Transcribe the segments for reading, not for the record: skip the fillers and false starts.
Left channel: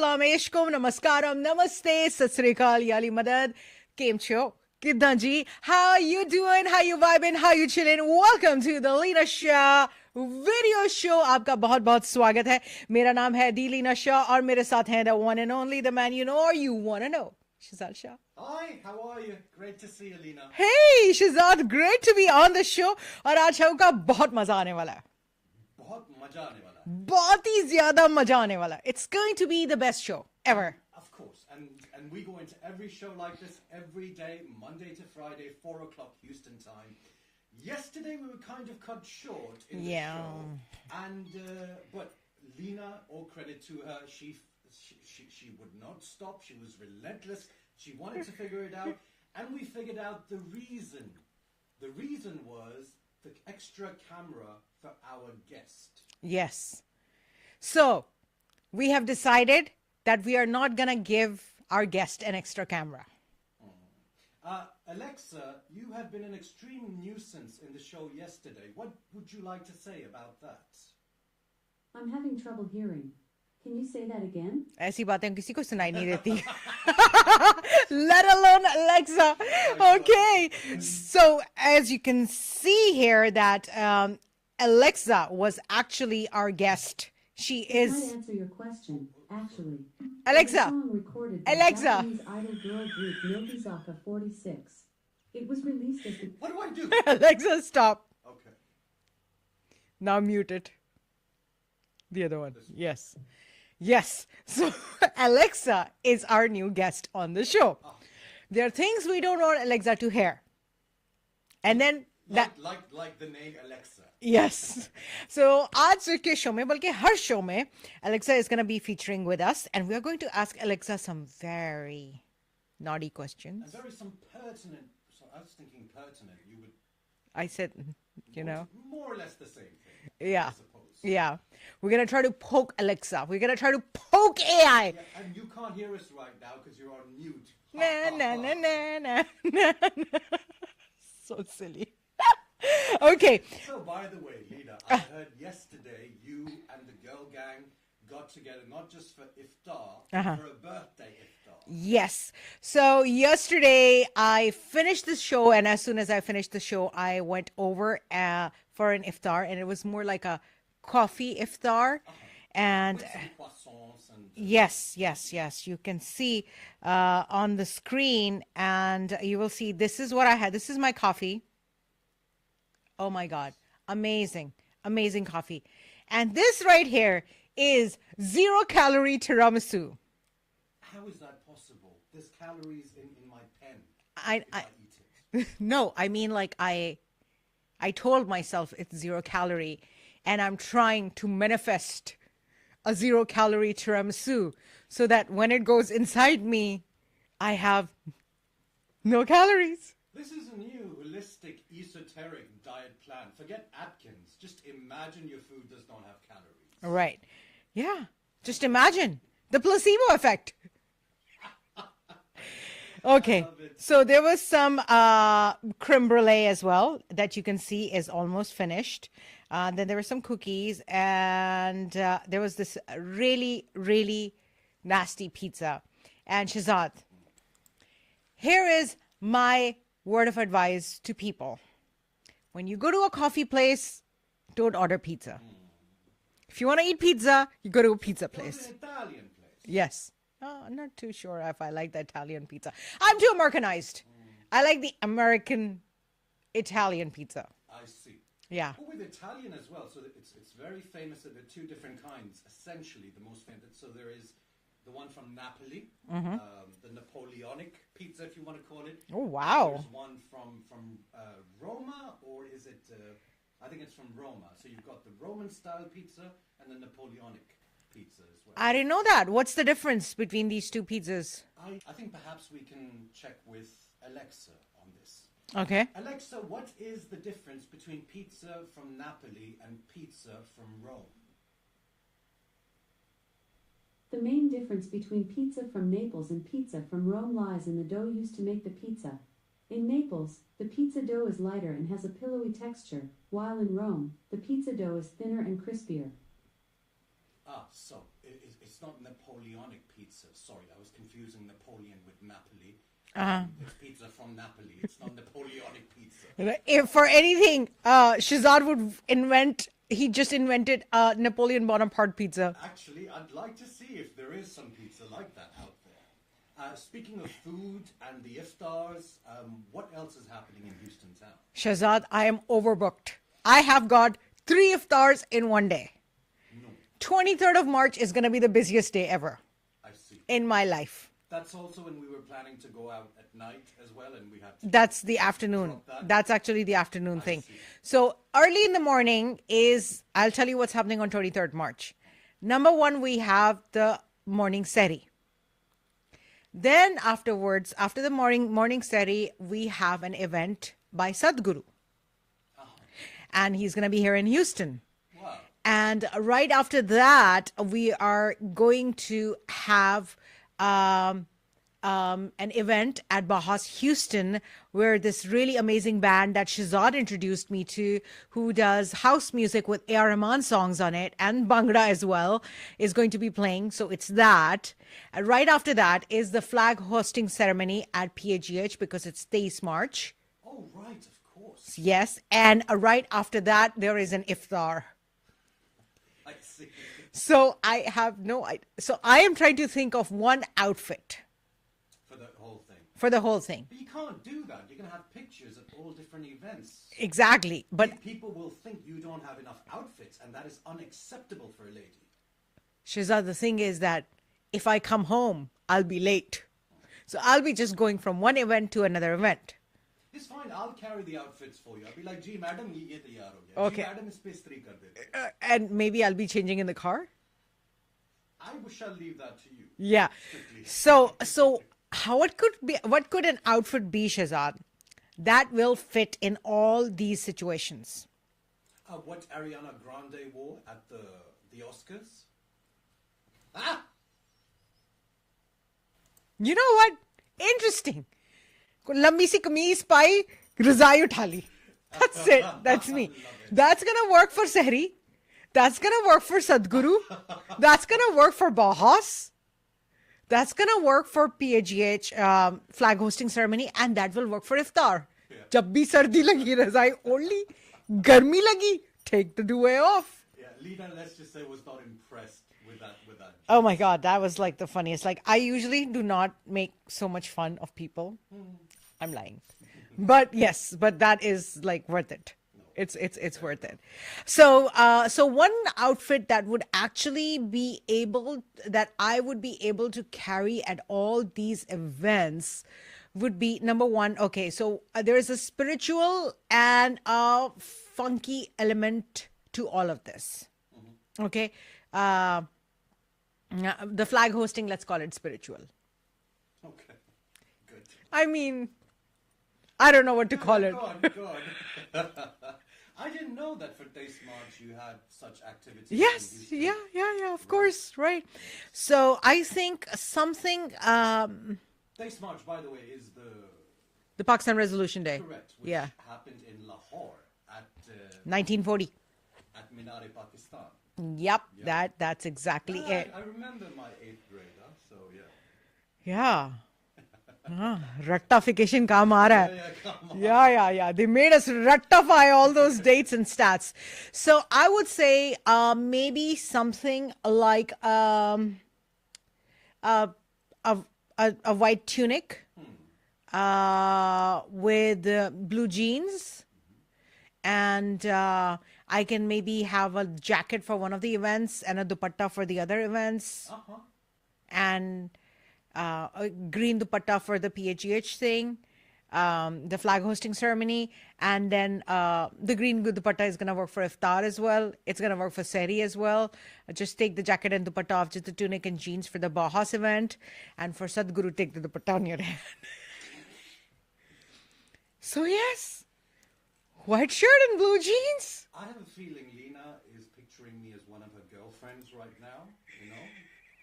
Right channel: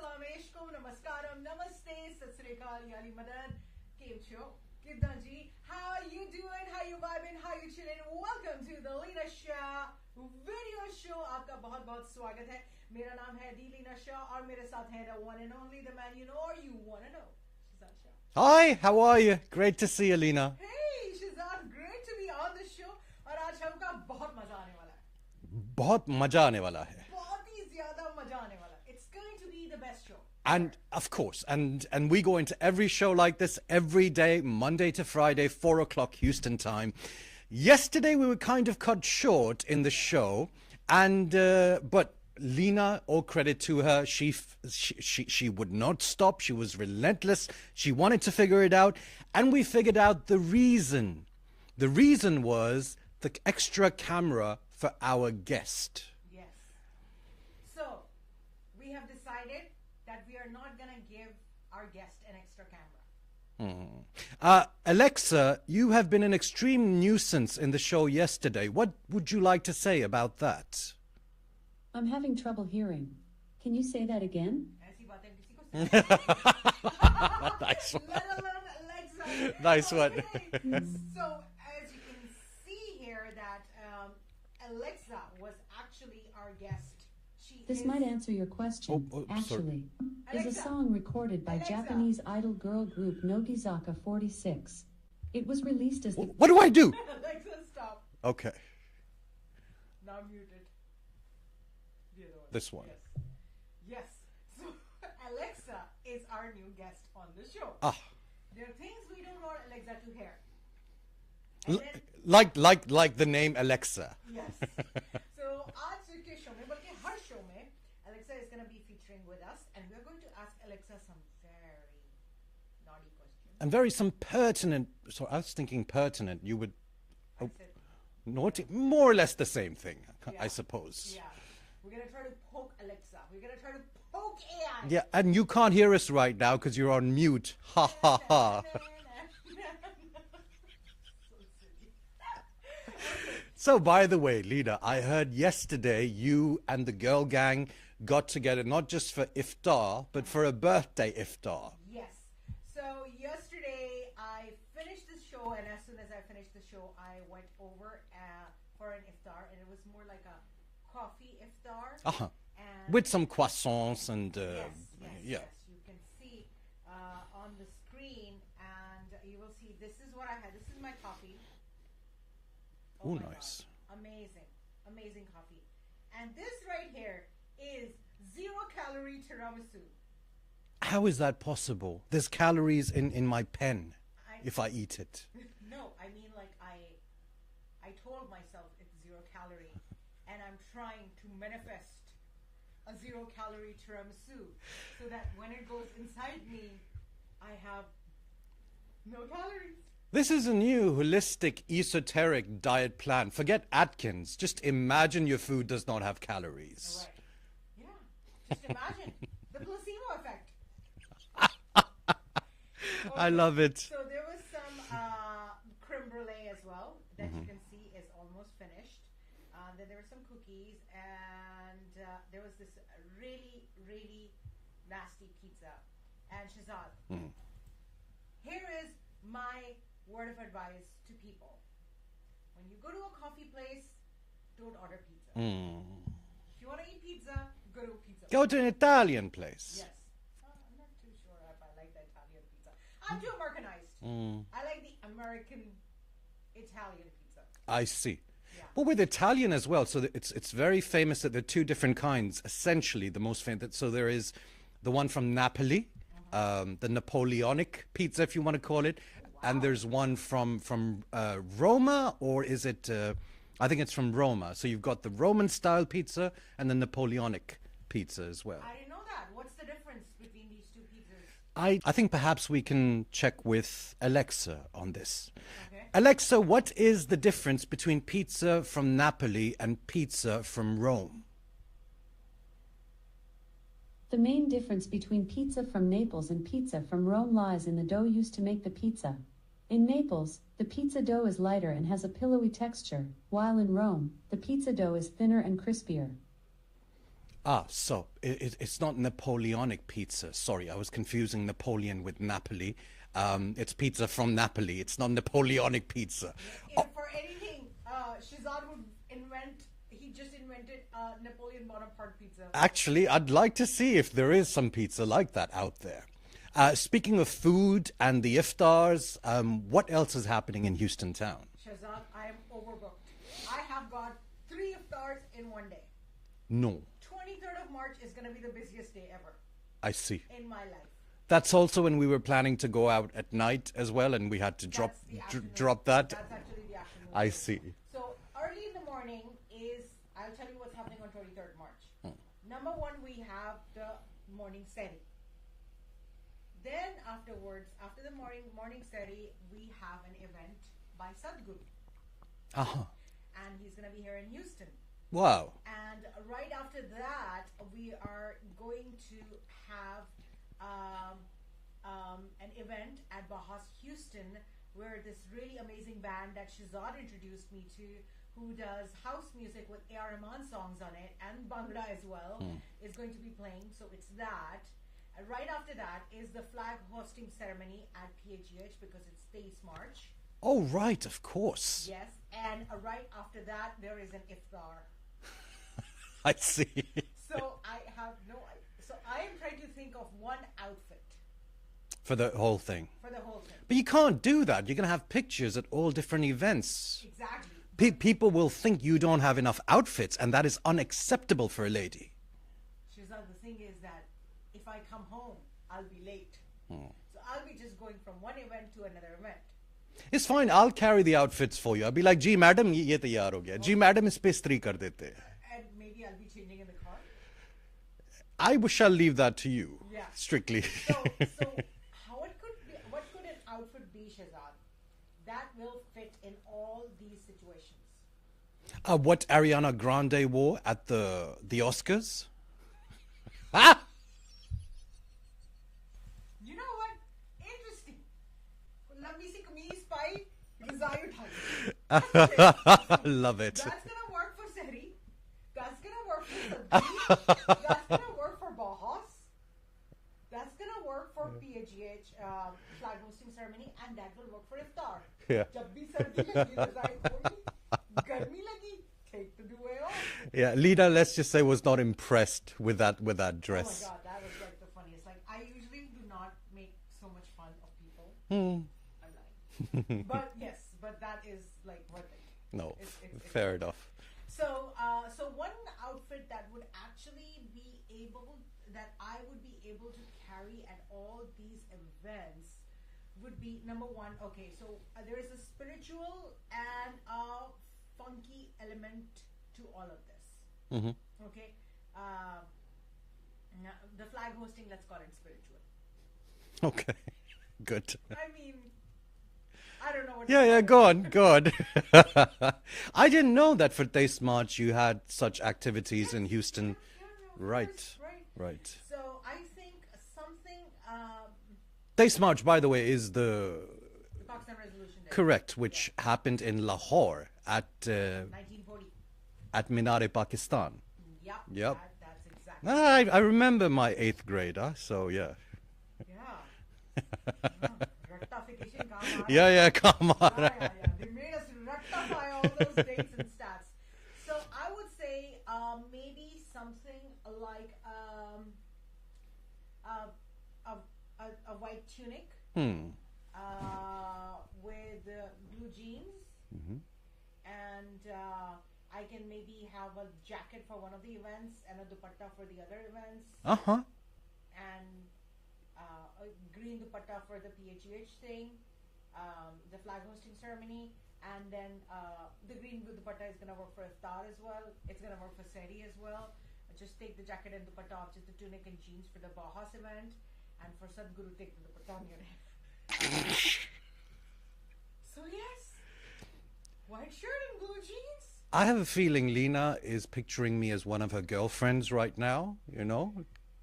Salam Alaikum, Namaskaram, Namaste, Sat Sri Akal, Yali Madad, Kem Cho, Kiddan ji, how you doing, how you vibing, how you chilling? Welcome to the Leena Shah video show. आपका बहुत बहुत स्वागत है. मेरा नाम है दी लीना शाह और मेरे साथ हैं the one and only, the man you know or you want to know, Schehzad Shah. Hi, how are you? Great to see you, Leena. Hey, Schehzad, great to be on the show. और आज show का बहुत मजा आने वाला है. बहुत मजा आने वाला है. बहुत ही ज़्यादा मजा आने वाला है. It's going to be the best show ever. And, of course, and we go into every show like this every day, Monday to Friday, 4 o'clock Houston time. Yesterday we were kind of cut short in the show, and but Leena, all credit to her, she would not stop. She was relentless. She wanted to figure it out, and we figured out the reason. The reason was the extra camera for our guest. Yes. So we have decided that we are not gonna give our guest an extra camera. Alexa, you have been an extreme nuisance in the show yesterday. What would you like to say about that? I'm having trouble hearing. Can you say that again? ऐसी बातें किसी को सुनाई नहीं देती. Let alone Alexa. Nice Okay. So as you can see here that Alexa was actually our guest. She is. I can't answer your question. Actually, Alexa. It's a song recorded by Alexa. Japanese idol girl group Nokizaka 46. It was released as the What do I do? Alexa, stop. Okay. Now mute it. The other one. This one. Yes. Yes. So Alexa is our new guest on the show. Ah. There are things we don't want Alexa to hear. And then like the name Alexa. yes. So आज के show में बल्कि हर show में Alexa is going to be featuring with us, and we are going to ask Alexa some very naughty questions. And some pertinent. So I was thinking pertinent. You would. I said Naughty, more or less the same thing. Yeah. I suppose. Yeah. We're going to try to poke Alexa. We're going to try to poke AI. Yeah, and you can't hear us right now because you're on mute. Ha ha ha. So silly. Okay. So, by the way, Leena, I heard yesterday you and the girl gang got together not just for iftar, but for a birthday iftar. Yes. So yesterday I finished the show, and as soon as I finished the show, I went over for an iftar, and it was more like a coffee iftar. And with some croissants and yes. You can see on the screen, and you will see this is what I had. This is my coffee. Oh my God. Amazing coffee. And this right here is 0-calorie tiramisu. How is that possible? There's calories in my pen if I eat it. No, I mean, like I told myself it's 0-calorie, and I'm trying to manifest a 0-calorie tiramisu so that when it goes inside me, I have no calories. This is a new holistic esoteric diet plan. Forget Atkins. Just imagine your food does not have calories. Right. Yeah. Just imagine the placebo effect. Okay. I love it. So there was some creme brulee as well that you can see is almost finished. Then there were some cookies, and there was this really, really nasty pizza. And Schehzad, here is my word of advice to people. When you go to a coffee place, don't order pizza. If you want to eat pizza, you go to a pizza place. Go to an Italian place. Yes. I'm not too sure if I like the Italian pizza. I'm too Americanized. I like the American Italian pizza. I see. Yeah. Well, with Italian as well. So it's very famous that there are two different kinds. Essentially, the most famous. So there is the one from Napoli, the Napoleonic pizza, if you want to call it. Oh, wow. And there's one from Roma, or is it? I think it's from Roma. So you've got the Roman style pizza and the Napoleonic pizza as well. I didn't know that. What's the difference between these two pizzas? I think perhaps we can check with Alexa on this. Okay. Alexa, what is the difference between pizza from Napoli and pizza from Rome? The main difference between pizza from Naples and pizza from Rome lies in the dough used to make the pizza. In Naples, the pizza dough is lighter and has a pillowy texture, while in Rome, the pizza dough is thinner and crispier. So it's not Napoleonic pizza. Sorry, I was confusing Napoleon with Napoli. It's pizza from Napoli. It's not Napoleonic pizza. If for anything, Schehzad would invent. He just invented Napoleon Bonaparte pizza. Actually, I'd like to see if there is some pizza like that out there. Speaking of food and the iftars, what else is happening in Houston town? Schehzad, I am overbooked. I have got 3 iftars in one day. No, 23rd of March is going to be the busiest day ever I see. in my life. That's also when we were planning to go out at night as well, and we had to That's the afternoon. drop that. That's actually the afternoon I thing. see. So early in the morning is, I'll tell you what's happening on 23rd March. Number one, we have the morning seri. Then afterwards, after the morning seri, we have an event by Sadhguru. And he's going to be here in Houston. Wow. And right after that, we are going to have an event at Bahas Houston, where this really amazing band that Schehzad introduced me to, who does house music with A.R. Rahman songs on it and Bhangra as well, is going to be playing. So it's that. And right after that is the flag hosting ceremony at PAGH, because it's 23 March. Oh, right, of course. Yes. And right after that, there is an iftar. I see. So I have no idea. So I am trying to think of one outfit For the whole thing. for the whole thing. But you can't do that. You're going to have pictures at all different events. Exactly. But People will think you don't have enough outfits, and that is unacceptable for a lady. Shehzad, the thing is that if I come home, I'll be late. So I'll be just going from one event to another event. It's fine. I'll carry the outfits for you. I'll be like, "Ji, madam, ye taiyar ho gaya. Ji, Okay. madam, is pe istri kar dete." And maybe I'll be changing in the car. Shall leave that to you. Yeah. Strictly. So what could an outfit be, Shehzad, that will fit in all these situations? What Ariana Grande wore at the Oscars? Ah! You know what? Interesting. Lambi si kameez pai, razai utha li. That's it. That's me. Love it. That's going to work for Sehri. That's going to work for Sadhguru. That's going to work for Bahas. That's going to work for PAGH flag hosting ceremony. And that will work for Iftar. Yeah. Jab bhi sardi lagi, razai only. Garmi lagi, take the duvet off. Yeah, Leena, let's just say, was not impressed with that dress. Oh my God, that was like the funniest. Like, I usually do not make so much fun of people. I'm lying. But yes, but that is like worth it. No, It's fair worth enough. it. So one outfit that would actually be able, that I would be able to carry at all these events would be, number one, okay, so there is a spiritual and a funky element to all of this. Okay. The flag hosting, let's call it spiritual. Okay, good. I mean, I don't know what to call Yeah, it. go on. I didn't know that for Taste March you had such activities in Houston. Yeah, of Right. course, right. Right. So I think something, Taste March, by the way, is the the Pakistan Resolution Day. correct, which Yeah. happened in Lahore at 1940. Minar-e-Pakistan. Yep, Yep. that's exactly I it. remember my 8th grade, so yeah. Yeah. Rectification kaam aa raha hai. Yeah, come on. Yeah. They made us rectify all those dates and stats. So I would say maybe something like a white tunic with blue jeans. And I can maybe have a jacket for one of the events and a dupatta for the other events. And a green dupatta for the PHEH thing, the flag hosting ceremony, and then the green dupatta is going to work for Iftar as well. It's going to work for Sehri as well. Just take the jacket and dupatta off, just the tunic and jeans for the Bahas event, and for Sadhguru, take the dupatta on your head. So yes, white shirt and blue jeans. I have a feeling Leena is picturing me as one of her girlfriends right now,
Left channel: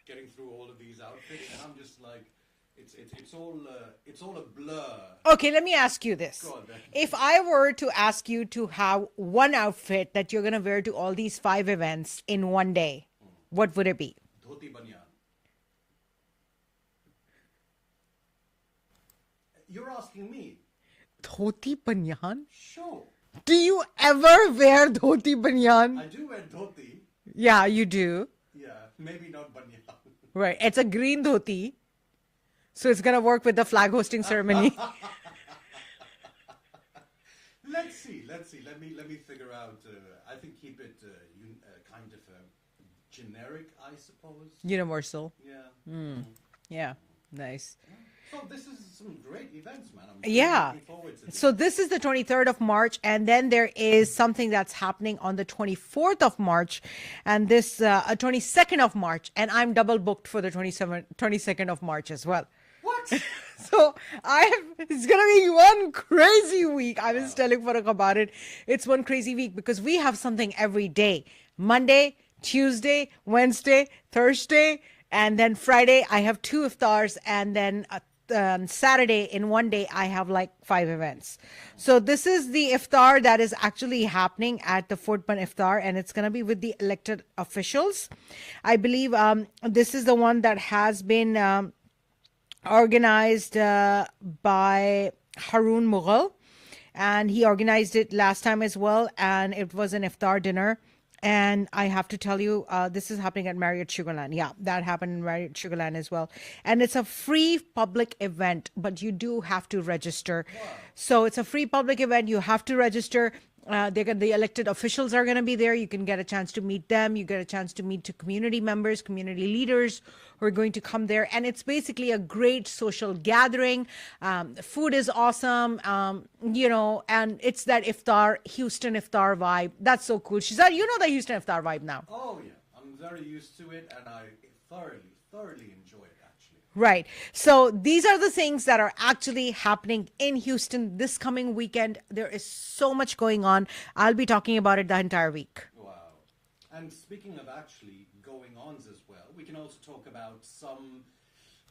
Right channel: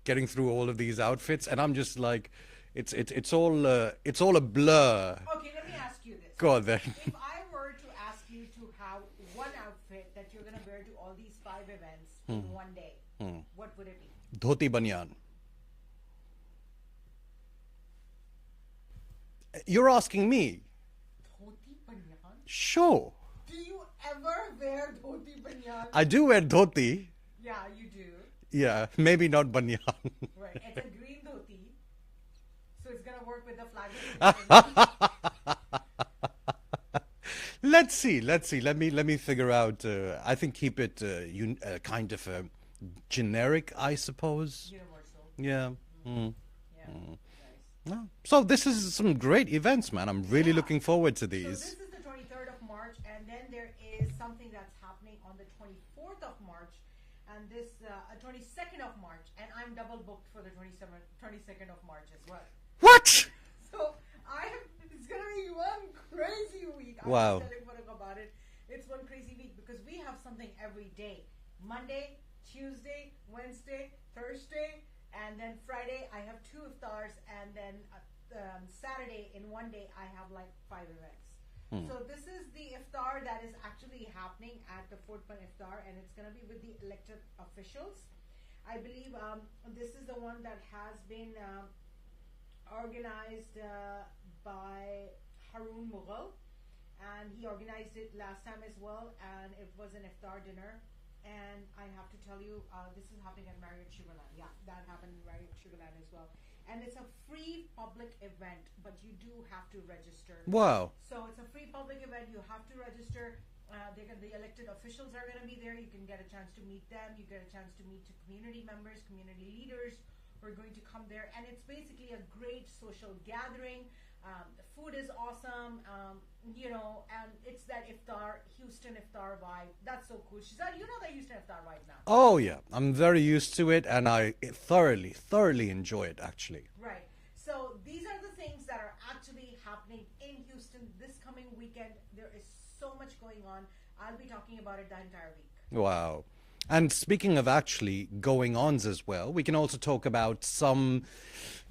getting through all of these outfits, and I'm just like It's all a blur. Okay, let me ask you this. Go on then. If I were to ask you to have one outfit that you're going to wear to all these 5 events in one day, what would it be? Dhoti banyan. You're asking me? Dhoti banyan? Sure. Do you ever wear dhoti banyan? I do wear dhoti. Yeah, you do. Yeah, maybe not banyan. Right. It's a green dhoti. So it's going to work with the flag hosting ceremony. Let's see. Let me figure out. I think keep it kind of generic, I suppose. Universal. Yeah. Yeah. Nice. So this is some great events, man. I'm really looking forward to these. So this is the 23rd of March, and then there is something that's happening on the 24th of March, and this 22nd of March, and I'm double booked for the 22nd of March as well. What? So it's gonna be one crazy week. I was Wow. telling Farooq about it. It's one crazy week because we have something every day. Monday, Tuesday, Wednesday, Thursday, and then Friday I have 2 iftars, and then Saturday in one day I have like 5 events. So this is the iftar that is actually happening at the Fort Bund Iftar, and it's going to be with the elected officials. I believe this is the one that has been organized by Haroon Mughal, and he organized it last time as well, and it was an iftar dinner. And I have to tell you, this is happening at Marriott Sugarland. Yeah, that happened in Marriott Sugarland as well. And it's a free public event, but you do have to register. Wow. So it's a free public event. You have to register. The elected officials are going to be there. You can get a chance to meet them. You get a chance to meet community members, community leaders who are going to come there. And it's basically a great social gathering. Food is awesome, and it's that Houston iftar vibe. That's so cool. Shehzad, you know the Houston iftar vibe now. Oh, yeah. I'm very used to it, and I thoroughly enjoy it, actually. Right. So these are the things that are actually happening in Houston this coming weekend. There is so much going on. I'll be talking about it the entire week. Wow. And speaking of actually going-ons as well, we can also talk about some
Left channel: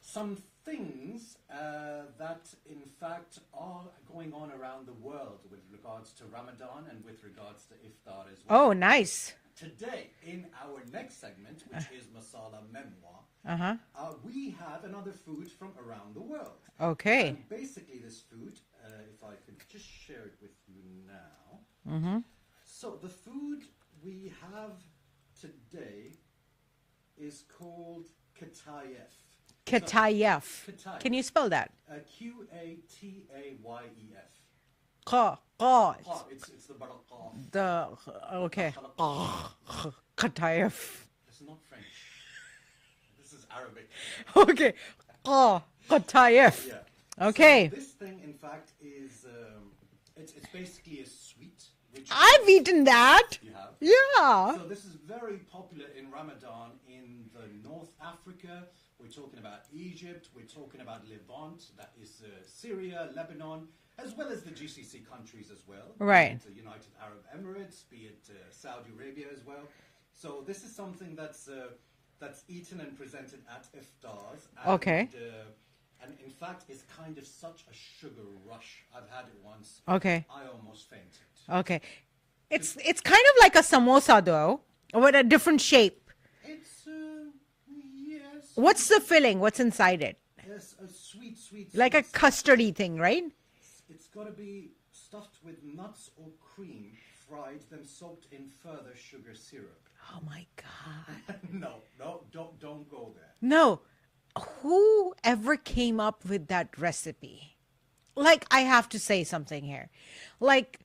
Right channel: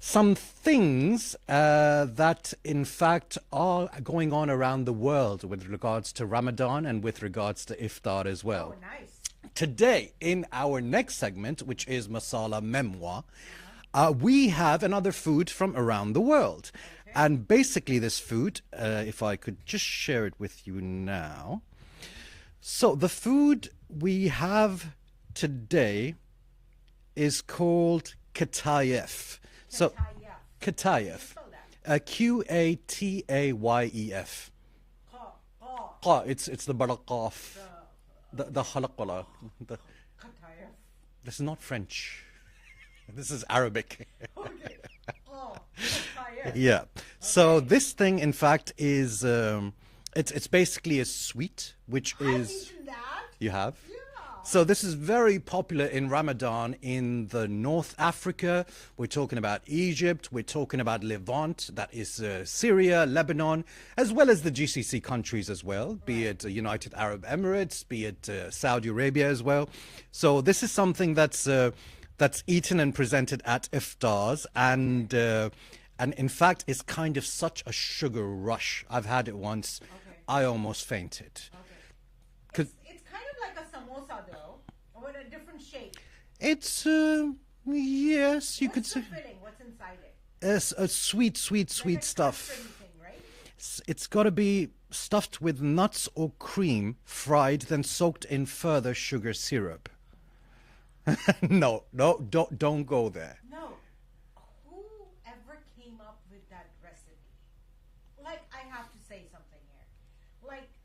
things that, in fact, are going on around the world with regards to Ramadan and with regards to Iftar as well. Oh, nice. Today, in our next segment, which is Masala Memoir, we have another food from around the world. Okay. And basically this food, if I could just share it with you now. So the food we have today is called Katayef. Katayef. Katayef. Can you spell that? Qatayef. It's the barakaf. The khalaqala. Katayef. This is not French. This is Arabic. Okay. Katayef. Yeah. Okay. So this thing, in fact, is it's basically a sweet, which I've is, eaten that. You have? Yeah. So this is very popular in Ramadan in the North Africa. We're talking about Egypt. We're talking about Levant, that is Syria, Lebanon, as well as the GCC countries as well. Right. Be it United Arab Emirates, be it Saudi Arabia as well. So this is something that's eaten and presented at Iftars. And, and in fact, it's kind of such a sugar rush. I've had it once. Okay. I almost fainted. Okay. It's kind of like a samosa though, with a different shape. It's yes. What's the filling? What's inside it? It's a sweet Like a stuff. custardy thing, right? It's got to be stuffed with nuts or cream, fried, then soaked in further sugar syrup. Oh my God. No, don't go there. No. Whoever came up with that recipe? Like, I have to say something here. Like,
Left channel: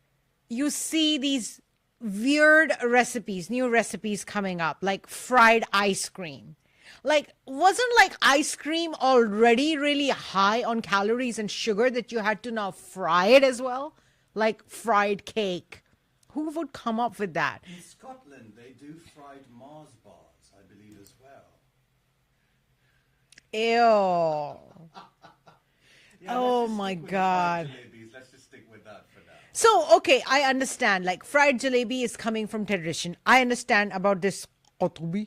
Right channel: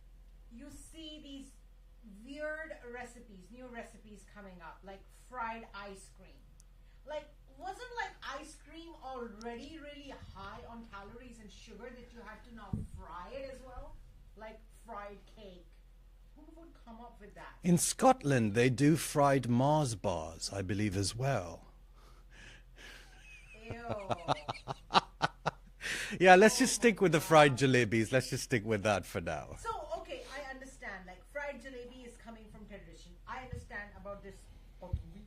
you see these weird recipes, new recipes coming up, like fried ice cream. Like, wasn't like ice cream already really high on calories and sugar that you had to now fry it as well? Like fried cake. Who would come up with that? In Scotland, they do fried Mars bars, I believe, as well. Ew. Yeah, let's Oh just my stick with the fried God. jalebis. Let's just stick with that for now. So, okay, I understand. Like, fried jalebi is coming from tradition. I understand about this qatubi.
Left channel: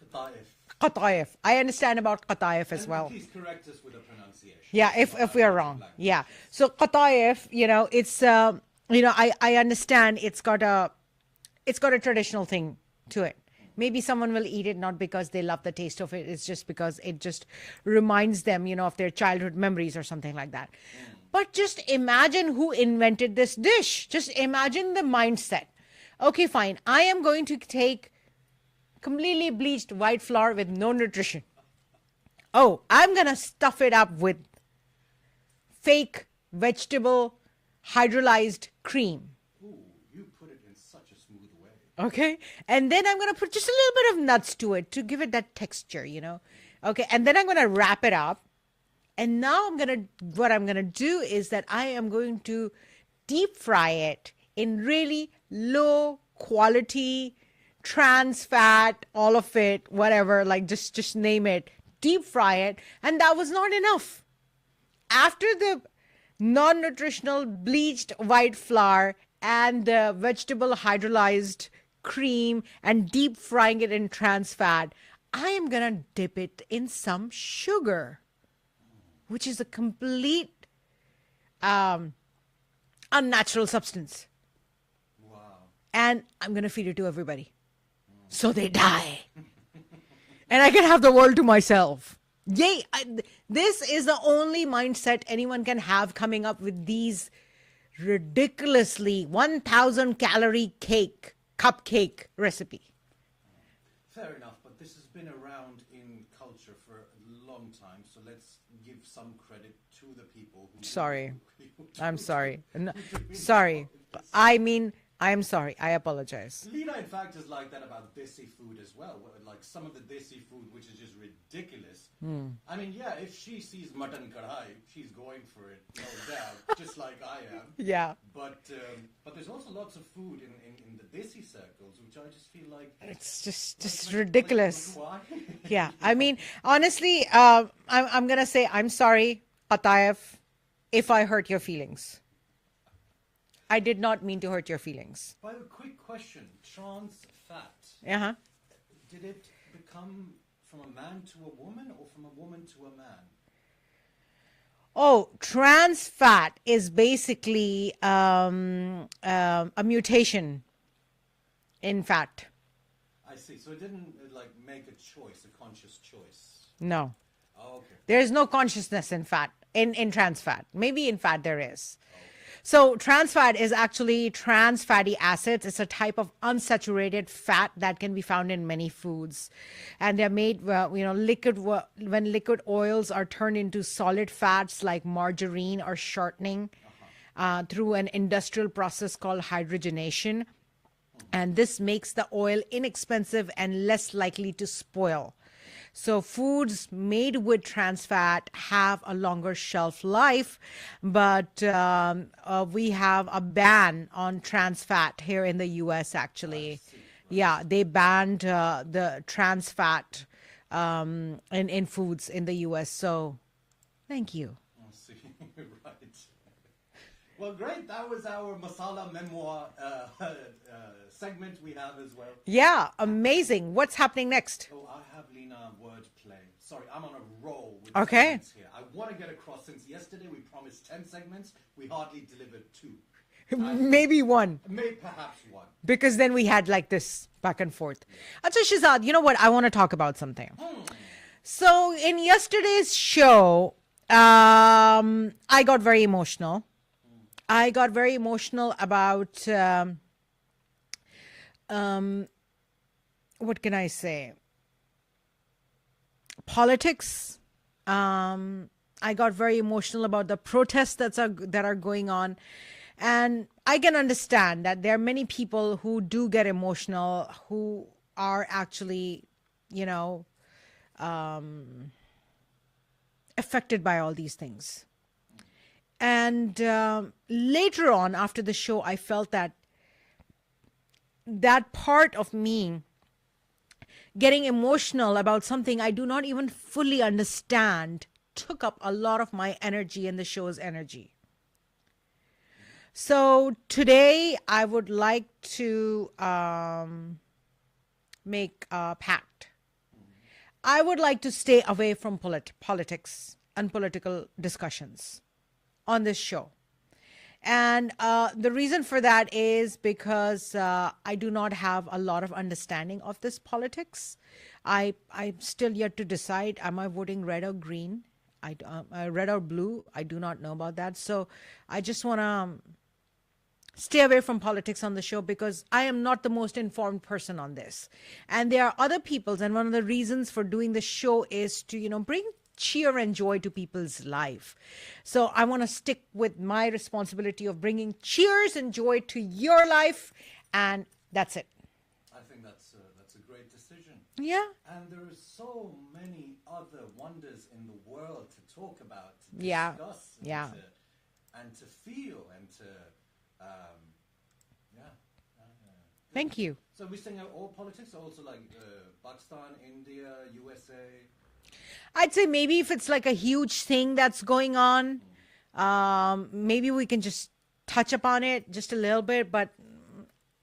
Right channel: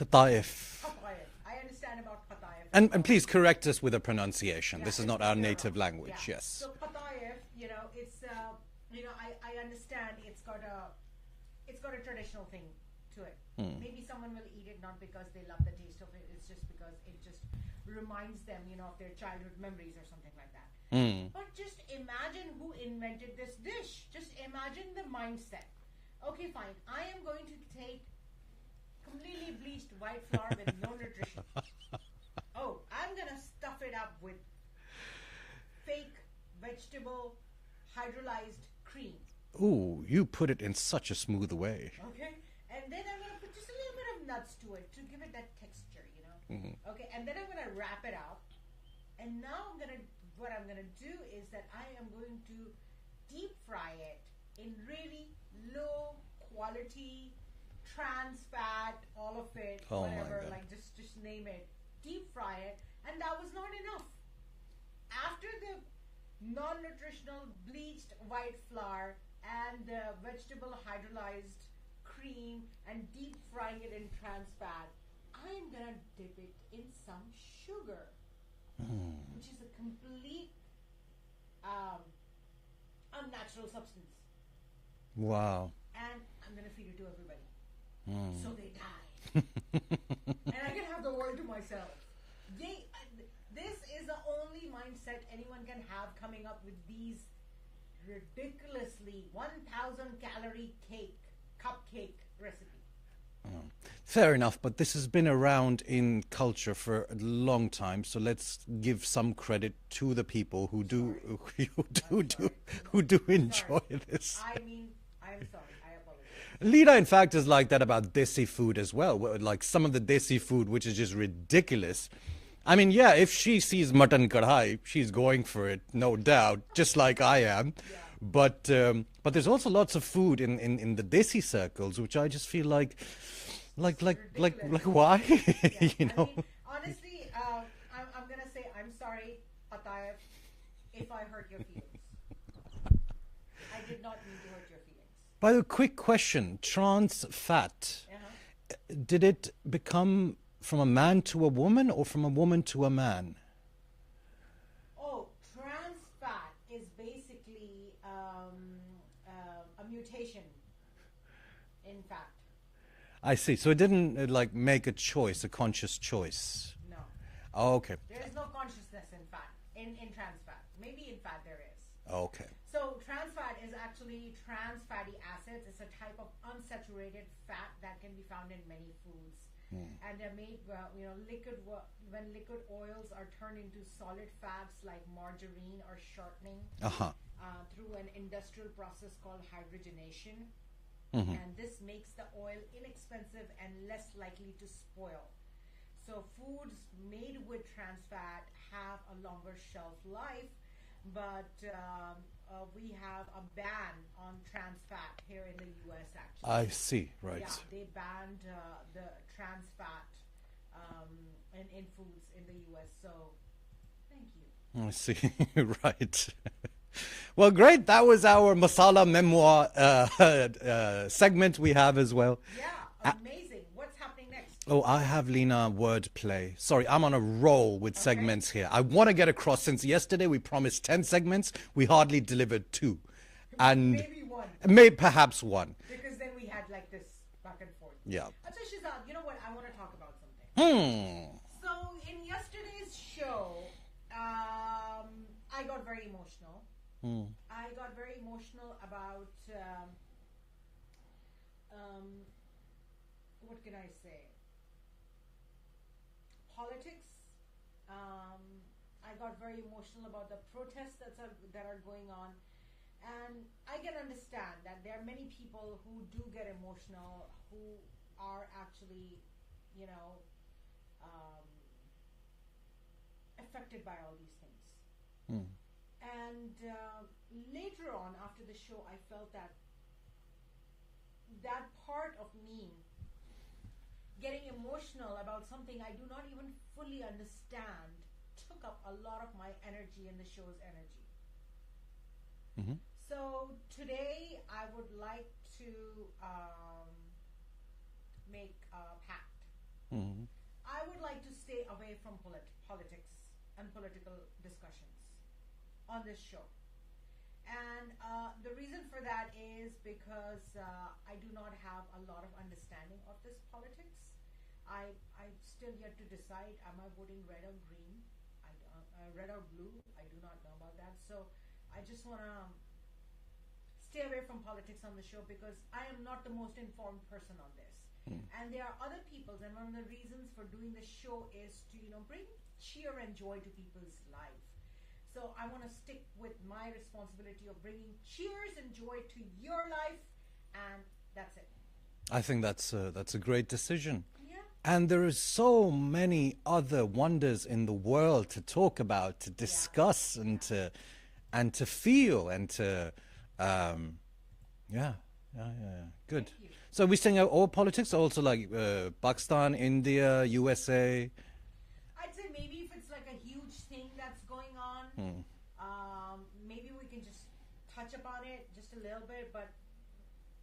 Qataif. Qataif. I understand about Qataif as well. And please correct us with the pronunciation. Yeah, This is not if our we are native wrong. language. Yeah. Yes. So Qataif, it's I understand it's got a traditional thing to it. Maybe someone will eat it not because they love the taste of it. It's just because it just reminds them, of their childhood memories or something like that. But just imagine who invented this dish. Just imagine the mindset. Okay, fine. I am going to take completely bleached white flour with no nutrition. Oh, I'm going to stuff it up with fake vegetable hydrolyzed cream. Ooh, you put it in such a smooth way. Okay. And then I'm going to put just a little bit of nuts to it to give it that texture, Okay. And then I'm going to wrap it up. And now what I'm going to do is that I am going to deep fry it in really low quality trans fat, all of it, whatever, like just name it, deep fry it. And that was not enough. After the non-nutritional bleached white flour and the vegetable hydrolyzed cream and deep frying it in trans fat, I am going to dip it in some sugar, which is a complete unnatural substance. Wow. And I'm going to feed it to everybody. So they die. And I can have the world to myself. Yay. This is the only mindset anyone can have coming up with these ridiculously 1,000 calorie cupcake recipe. Fair enough, but this has been around in culture for a long time, so let's give some credit to the people who do. Sorry. I'm sorry. Who do enjoy Sorry. this. I'm sorry. I apologize. Leena, in fact, is like that about desi food as well. Like some of the desi food, which is just ridiculous. I mean, yeah, if she sees mutton kadhai, she's going for it, no doubt, just like I am. Yeah. But there's also lots of food in the desi circles, which I just feel like It's just ridiculous. Like why? Yeah. You I know? mean, honestly, I'm going to say I'm sorry, Qataif, if I hurt your feelings. I did not mean to hurt your feelings. By the way, quick question: trans fat. Uh-huh. Did it become from a man to a woman or from a woman to a man? Oh, trans fat is basically a mutation in fat. I see. So it didn't like make a choice, a conscious choice. No. Oh, okay. There is no consciousness in fat, in trans fat. Maybe in fat there is. Okay. So trans fat is actually trans fatty acids. It's a type of unsaturated fat that can be found in many foods. And they're made, when liquid oils are turned into solid fats like margarine or shortening through an industrial process called hydrogenation. And this makes the oil inexpensive and less likely to spoil. So foods made with trans fat have a longer shelf life, but we have a ban on trans fat here in the U.S. actually. I see. Right. Yeah, they banned the trans fat in foods in the U.S. So thank you. I see. Right. Well, great. That was our masala memoir segment we have as well. Yeah, amazing. What's happening next? Oh, I have, Leena, wordplay. Sorry, I'm on a roll with Okay. segments here. I want to get across, since yesterday we promised 10 segments, we hardly delivered 2. And Maybe one. perhaps 1. Because then we had like this back and forth. Yeah. Achha, Schehzad, you know what? I want to talk about something. So in yesterday's show, I got very emotional. I got very emotional about, what can I say? Politics. I got very emotional about the protests that are going on. And I can understand that there are many people who do get emotional, who are actually, affected by all these things. And later on, after the show, I felt that part of me getting emotional about something I do not even fully understand took up a lot of my energy and the show's energy. So today I would like to make a pact I would like to stay away from politics and political discussions on this show. And the reason for that is because I do not have a lot of understanding of this politics. I'm still yet to decide, am I voting red or green? Red or blue? I do not know about that. So I just want to stay away from politics on the show because I am not the most informed person on this. And there are other people's, and one of the reasons for doing the show is to, bring cheer and joy to people's life. So I want to stick with my responsibility of bringing cheers and joy to your life, and that's it. I think that's a great decision. Yeah. And there are so many other wonders in the world to talk about, to discuss, and to feel, and to Good. Thank you. So we're saying all politics, also like Pakistan, India, USA. I'd say maybe if it's like a huge thing that's going on, maybe we can just touch upon it just a little bit. But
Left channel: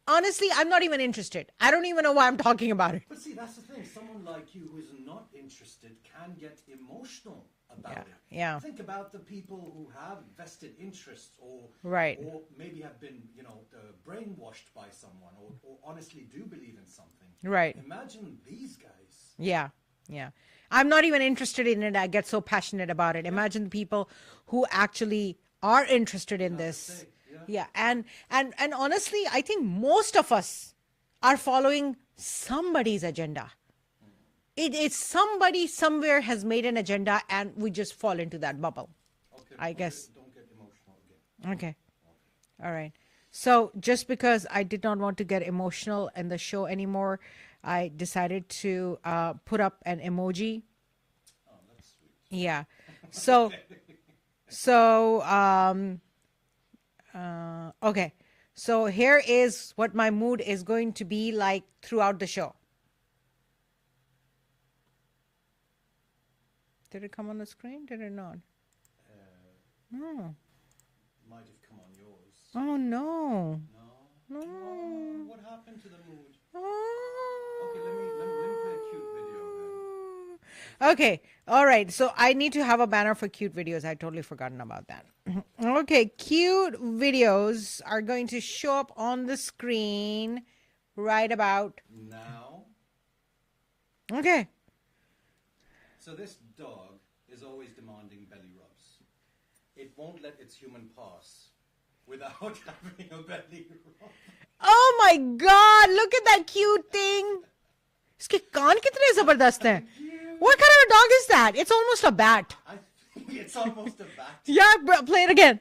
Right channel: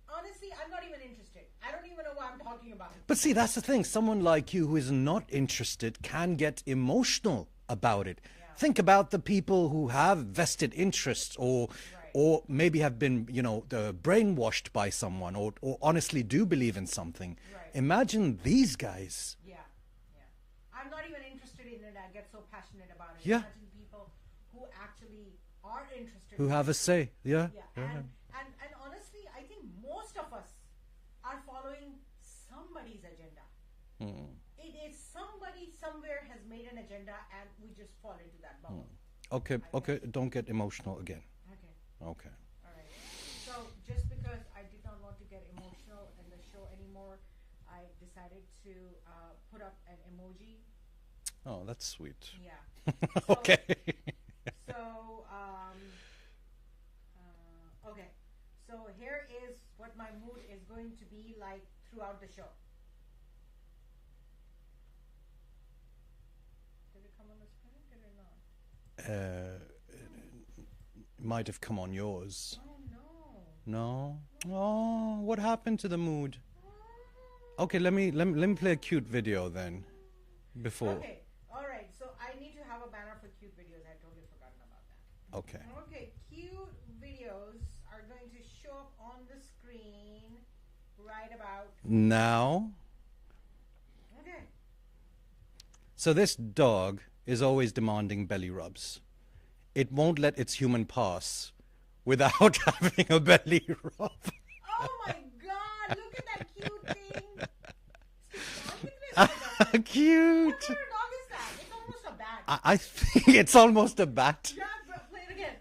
honestly, I'm not even interested. I don't even know why I'm talking about it. But see, that's the thing. Someone like you who is not interested can get emotional about it. Yeah. Think about the people who have vested interests or maybe have been, brainwashed by someone or honestly do believe in something. Right. Imagine these guys. Yeah. I'm not even interested in it. I get so passionate about it. Yeah. Imagine the people who actually are interested in Who have this. a say. Yeah. Yeah. And honestly, I think most of us are following somebody's agenda. It's somebody somewhere has made an agenda and we just fall into that bubble. Okay. I guess. Don't get emotional again. Okay. Okay. All right. So just because I did not want to get emotional in the show anymore, I decided to put up an emoji. Oh, that's sweet. Yeah. So, Okay. Okay. So here is what my mood is going to be like throughout the show. Did it come on the screen? Did it not? Might have come on yours. Oh, no. No? Oh, what happened to the mood? Oh. Okay, let me play a cute video then. Before. Okay. All right. So I need to have a banner for cute videos. I totally forgotten about that. Okay. Okay. Cute videos are going to show up on the screen right about Now. Okay. So this dog is always demanding belly rubs. It won't let its human pass without having a belly rub. Oh my God! Look at that cute thing. इसके कान कितने जबरदस्त हैं. Cute. What kind of a dog is that? It's almost a bat. I think it's almost a bat. Yeah, play it again.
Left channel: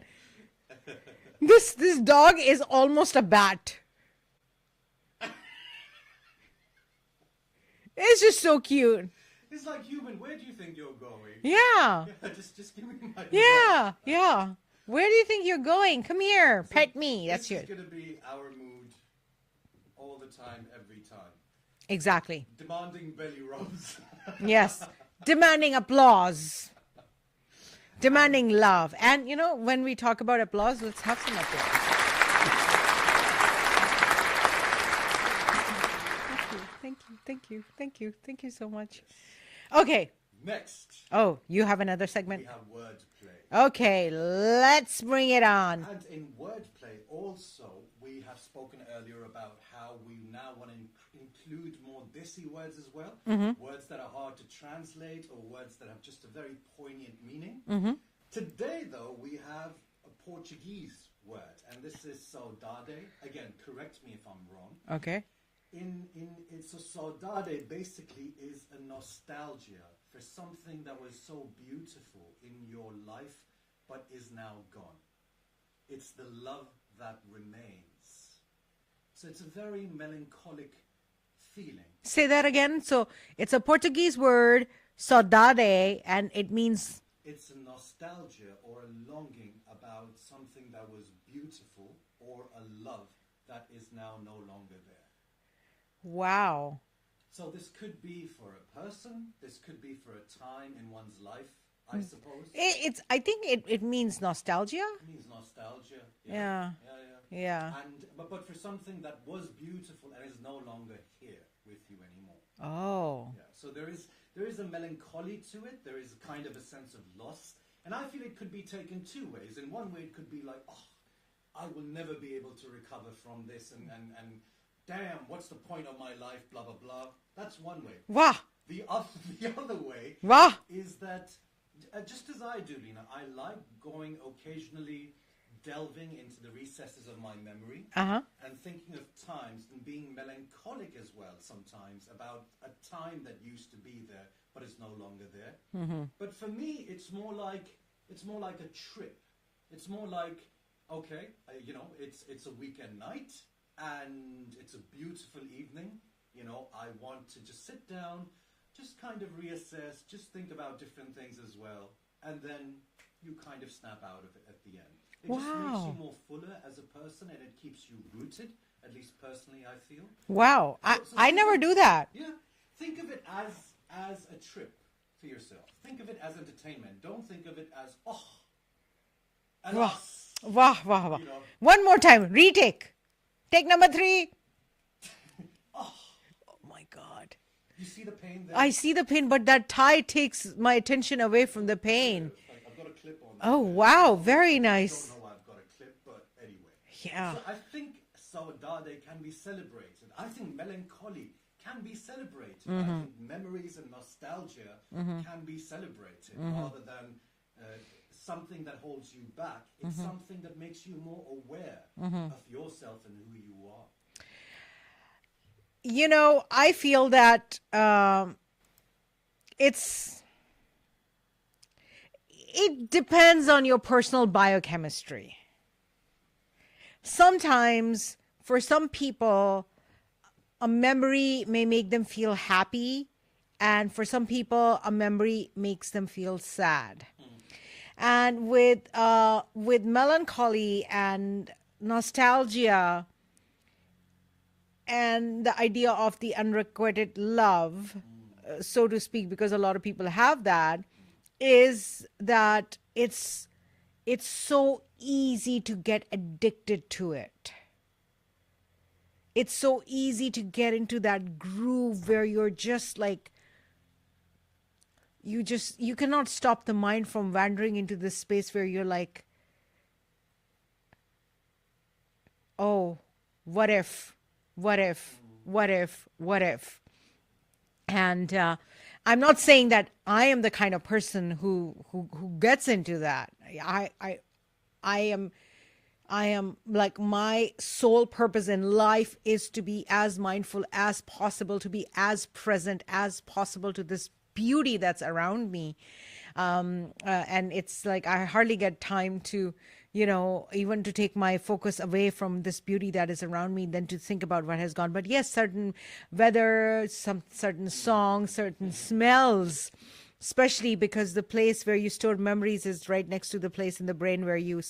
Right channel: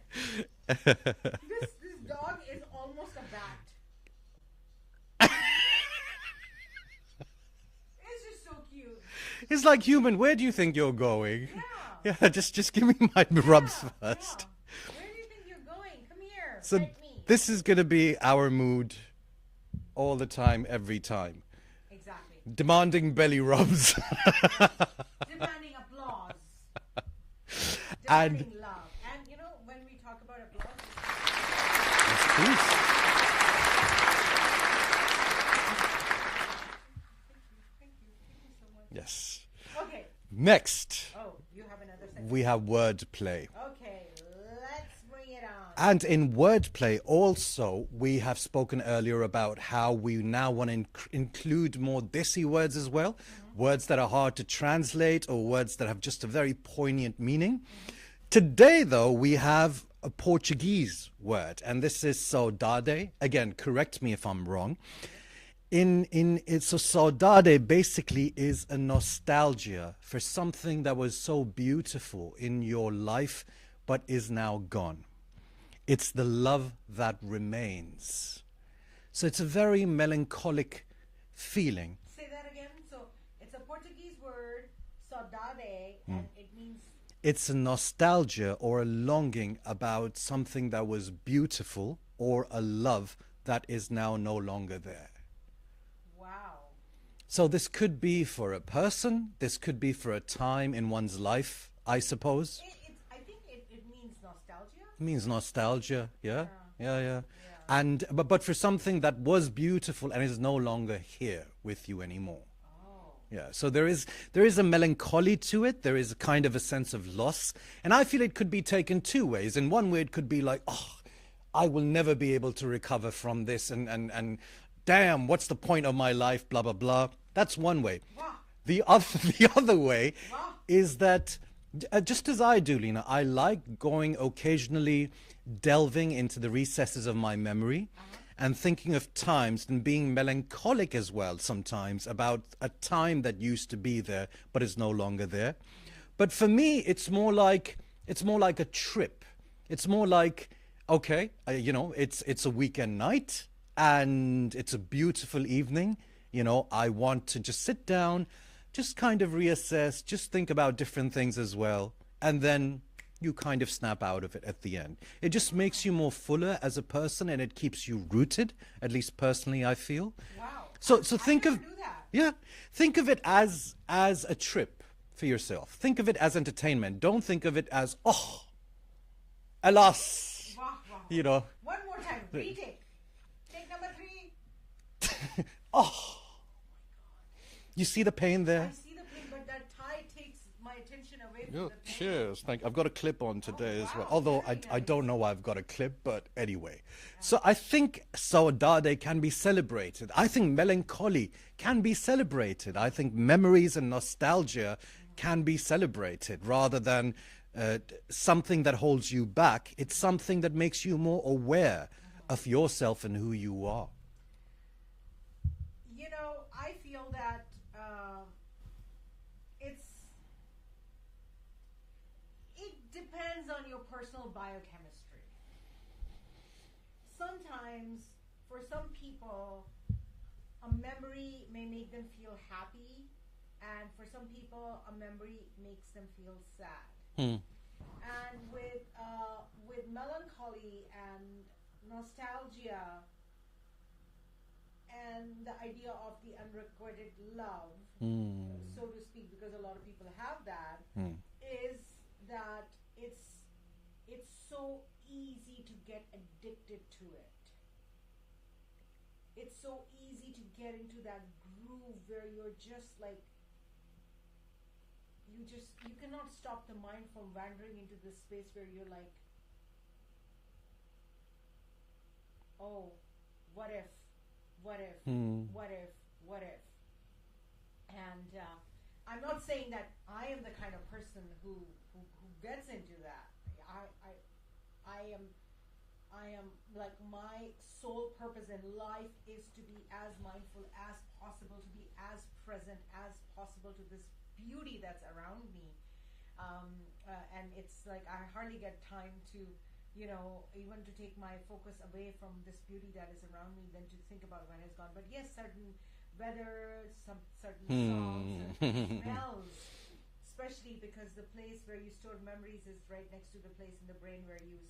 This dog is almost a bat. It's just so cute. It's like, human, where do you think you're going? Yeah. Yeah, just give me my Yeah. rubs first. Yeah. Where do you think you're going? Come here. So Pet me. This That's is cute. going to be our mood all the time, every time. Exactly. Demanding belly rubs. Yes. Demanding applause. Demanding love. And, when we talk about applause, let's have some applause. Thank you so much. Yes. Okay. Next, Oh, you have another segment? we have wordplay. Okay, let's bring it on. And in wordplay also, we have spoken earlier about how we now want to include more desi words as well. Words that are hard to translate or words that have just a very poignant meaning. Today, though, we have a Portuguese word, and this is saudade. Again, correct me if I'm wrong. Okay. So saudade basically is a nostalgia for something that was so beautiful in your life but is now gone. It's the love that remains. So it's a very melancholic feeling. Say that again. So it's a Portuguese word, saudade, and it means... It's a nostalgia or a longing about something that was beautiful or a love that is now no longer there. Wow. So this could be for a person, this could be for a time in one's life, I suppose. I think it means nostalgia. It means nostalgia. Yeah. Yeah. And but for something that was beautiful and is no longer here with you anymore. Oh. Yeah. So there is a melancholy to it. There is a kind of a sense of loss, and I feel it could be taken two ways. In one way, it could be like, oh, I will never be able to recover from this, and damn, what's the point of my life? Blah blah blah. That's one way. Wow. The other way Wow. is that, just as I do, Leena, I like going occasionally, delving into the recesses of my memory and thinking of times and being melancholic as well sometimes about a time that used to be there but is no longer there. But for me, it's more like a trip. It's more like, okay, it's a weekend night and it's a beautiful evening. I want to just sit down, just kind of reassess, just think about different things as well. And then you kind of snap out of it at the end. It just makes you more fuller as a person, and it keeps you rooted, at least personally, I feel. Wow. So I think never of- do that. Yeah. Think of it as a trip for yourself. Think of it as entertainment. Don't think of it as, oh, alas. Wow. One more time. Retake. Take number 3. Oh my God. You see the pain there? I see the pain, but that tie takes my attention away from the pain. Cheers. I've got a clip on today. Oh, wow. Although Very I nice. don't know why I've got a clip, but anyway. Yeah. So I think saudade can be celebrated. I think melancholy can be celebrated. I think memories and nostalgia can be celebrated rather than something that holds you back. It's something that makes you more aware of yourself and who you are. I feel that it depends on your personal biochemistry. Sometimes, for some people, a memory may make them feel happy, and for some people, a memory makes them feel sad. And with melancholy and nostalgia, and the idea of the unrequited love, so to speak, because a lot of people have that, is that it's so easy to get addicted to it. It's so easy to get into that groove where you're just like, you cannot stop the mind from wandering into this space where you're like, oh, what if? And I'm not saying that I am the kind of person who gets into that. I am like, my sole purpose in life is to be as mindful as possible, to be as present as possible to this beauty that's around me. And it's like I hardly get time to, even to take my focus away from this beauty that is around me, than to think about what has gone. But yes, certain weather, some certain songs, certain smells, especially because the place where you store memories is right next to the place in the brain where you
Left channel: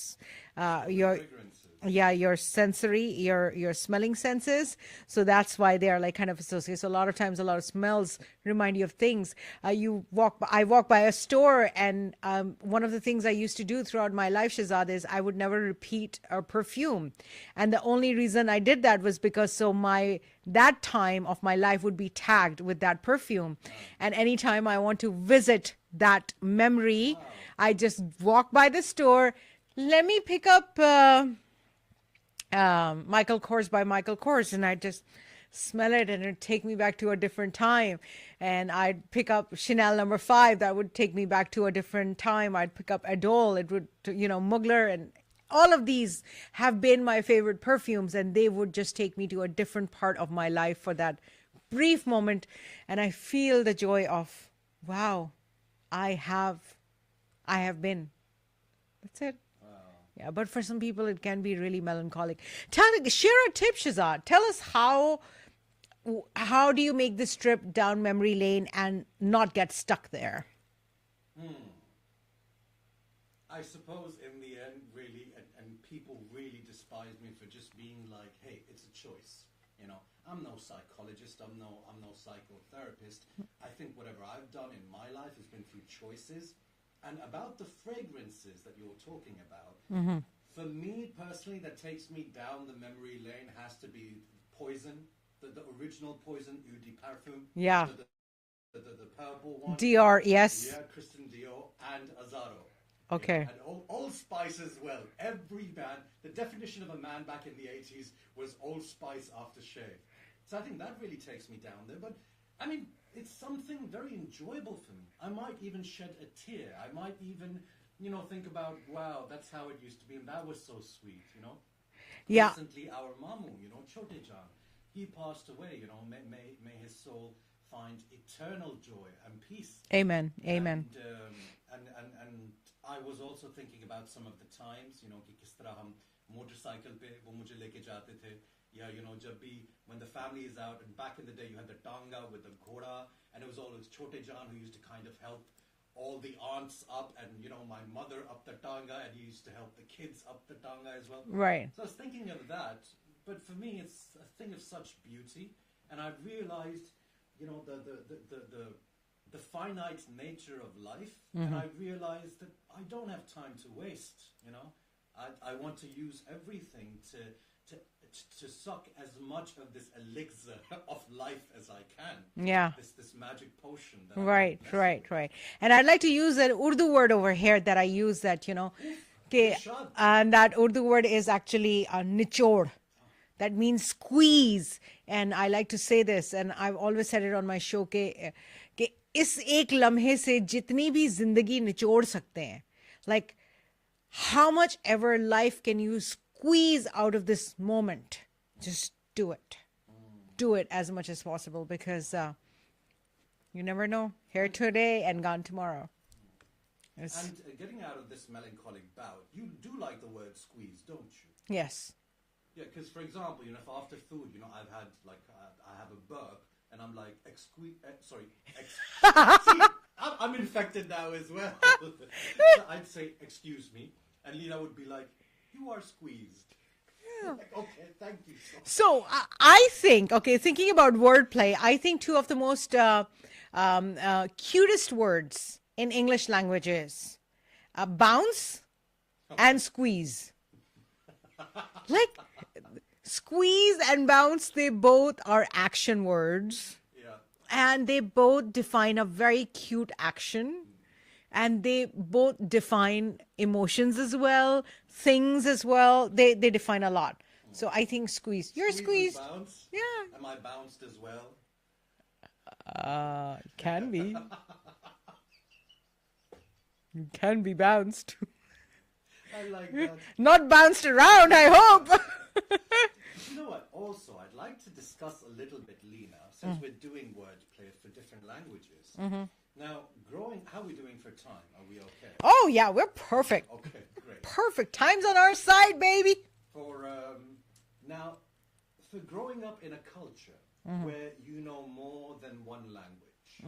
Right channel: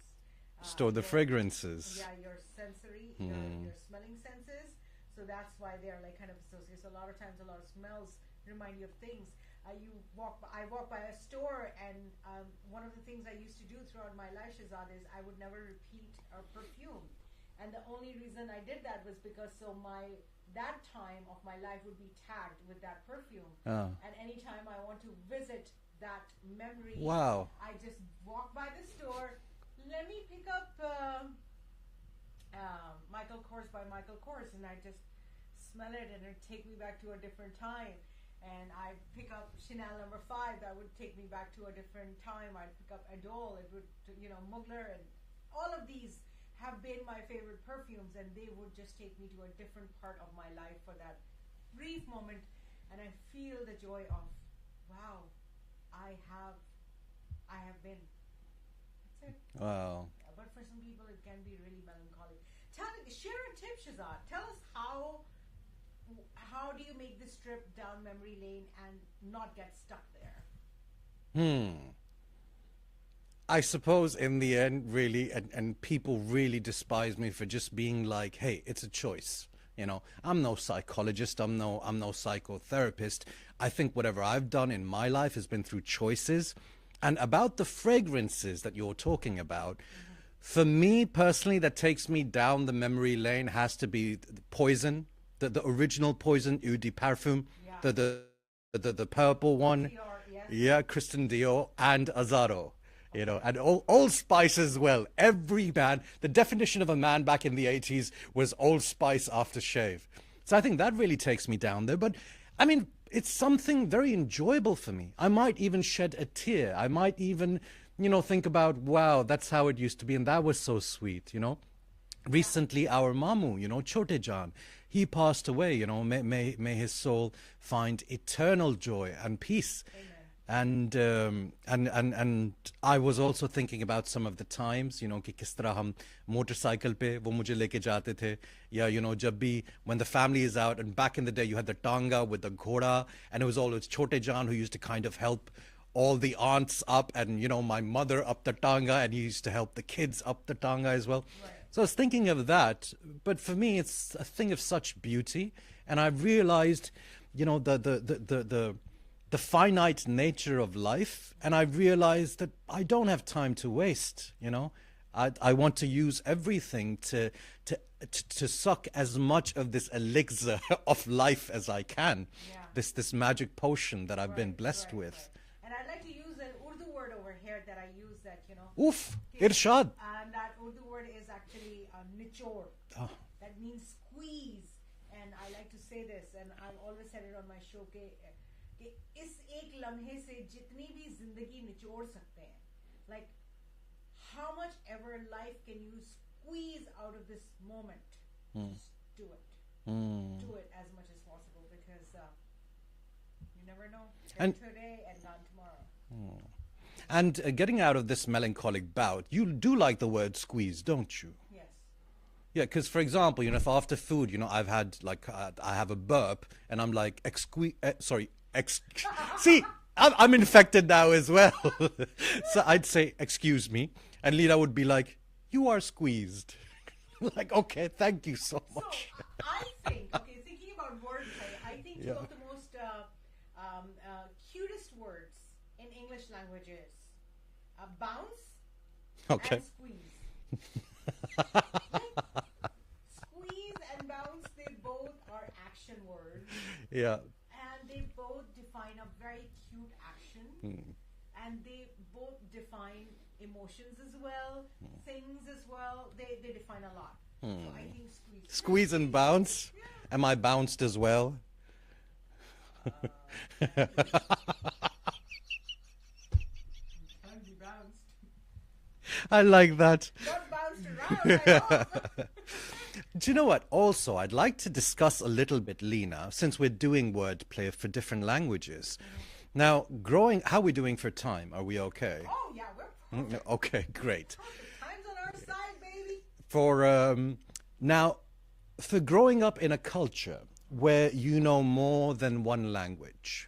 Store the fragrances. Yeah, your sensory, your smelling senses. So that's why they are like kind of associated. So a lot of times, a lot of smells remind you of things. I walk by a store, and one of the things I used to do throughout my life, Schehzad, is I would never repeat a perfume. And the only reason I did that was because that time of my life would be tagged with that perfume. And anytime I want to visit that memory, Wow. I just walk by the store. Let me pick up Michael Kors by Michael Kors, and I just smell it, and it'd take me back to a different time. And I'd pick up Chanel number 5, that would take me back to a different time. I'd pick up Adol, it would, Mugler, and all of these have been my favorite perfumes, and they would just take me to a different part of my life for that brief moment. And I feel the joy of, wow, I have been. That's it. Wow. Yeah, but for some people, it can be really melancholic. Share a tip, Schehzad. Tell us how do you make this trip down memory lane and not get stuck there? I suppose in the end, really, and people really despise me for just being like, hey, it's a choice. I'm no psychologist. I'm no psychotherapist. I think whatever I've done in my life has been through choices. And about the fragrances that you're talking about, for me personally, that takes me down the memory lane has to be Poison, the original Poison Eau de Parfum. Yeah. The purple one. Dior, yes. Yeah, Christian Dior and Azaro. You know, Okay. and Old Spice as well. Every man, the definition of a man back in the 80s was Old Spice aftershave. So I think that really takes me down there. But I mean, it's something very enjoyable for me. I might even shed a tear. I might even, think about, wow, that's how it used to be. And that was so sweet, Yeah. Recently, our Mamu, Chote Jan, he passed away, may his soul find eternal joy and peace. Amen. Amen. And I was also thinking about some of the times, कि किस तरह हम motorcycle पे वो मुझे लेके जाते थे, या जब भी when the family is out, and back in the day you had the tanga with the ghoda, and it was always Chote Jan who used to kind of help all the aunts up, and my mother up the tanga, and he used to help the kids up the tanga as well. Right. So I was thinking of that, but for me it's a thing of such beauty, and I've realized the finite nature of life, and I've realized that I don't have time to waste. I want to use everything to suck as much of this elixir of life as I can. Yeah. This magic potion that I've been blessed with. Right. And I'd like to use an Urdu word over here that I use that, Oof, Okay, Irshad. and that Urdu word is actually nichod. That means squeeze. And I like to say this, and I've always said it on my show, कि इस एक लम्हे से जितनी भी जिंदगी निचोड़ सकते हैं, like how much ever life can you squeeze out of this moment, just do it. Do it as much as possible, because you never know, here today and gone tomorrow. And getting out of this melancholic bout, you do like the word squeeze, don't you? Yes. Yeah, because for example, if after food, I've had I have a burp and I'm like, see, I'm infected now as well. So I'd say, excuse me. And Leena would be like, you are squeezed. Like, okay, thank you so much. So I think, thinking about wordplay, I think two of the most cutest words in English language is bounce and squeeze. Like squeeze and bounce, they both are action words. Yeah. And they both define a very cute action. And they both define emotions as well, things as well. They define a lot. So I think squeeze. Squeeze and bounce? Yeah. Am I bounced as well? Can be. You can be bounced. I like that. Not bounced around, I hope. Do you know what? Also, I'd like to discuss a little bit, Leena, since we're doing wordplay for different languages. Now, how are we doing for time? Are we okay? Oh, yeah, we're perfect. Okay, great. Perfect. Time's on our side, baby. Now, for growing up in a culture where you know more than one language,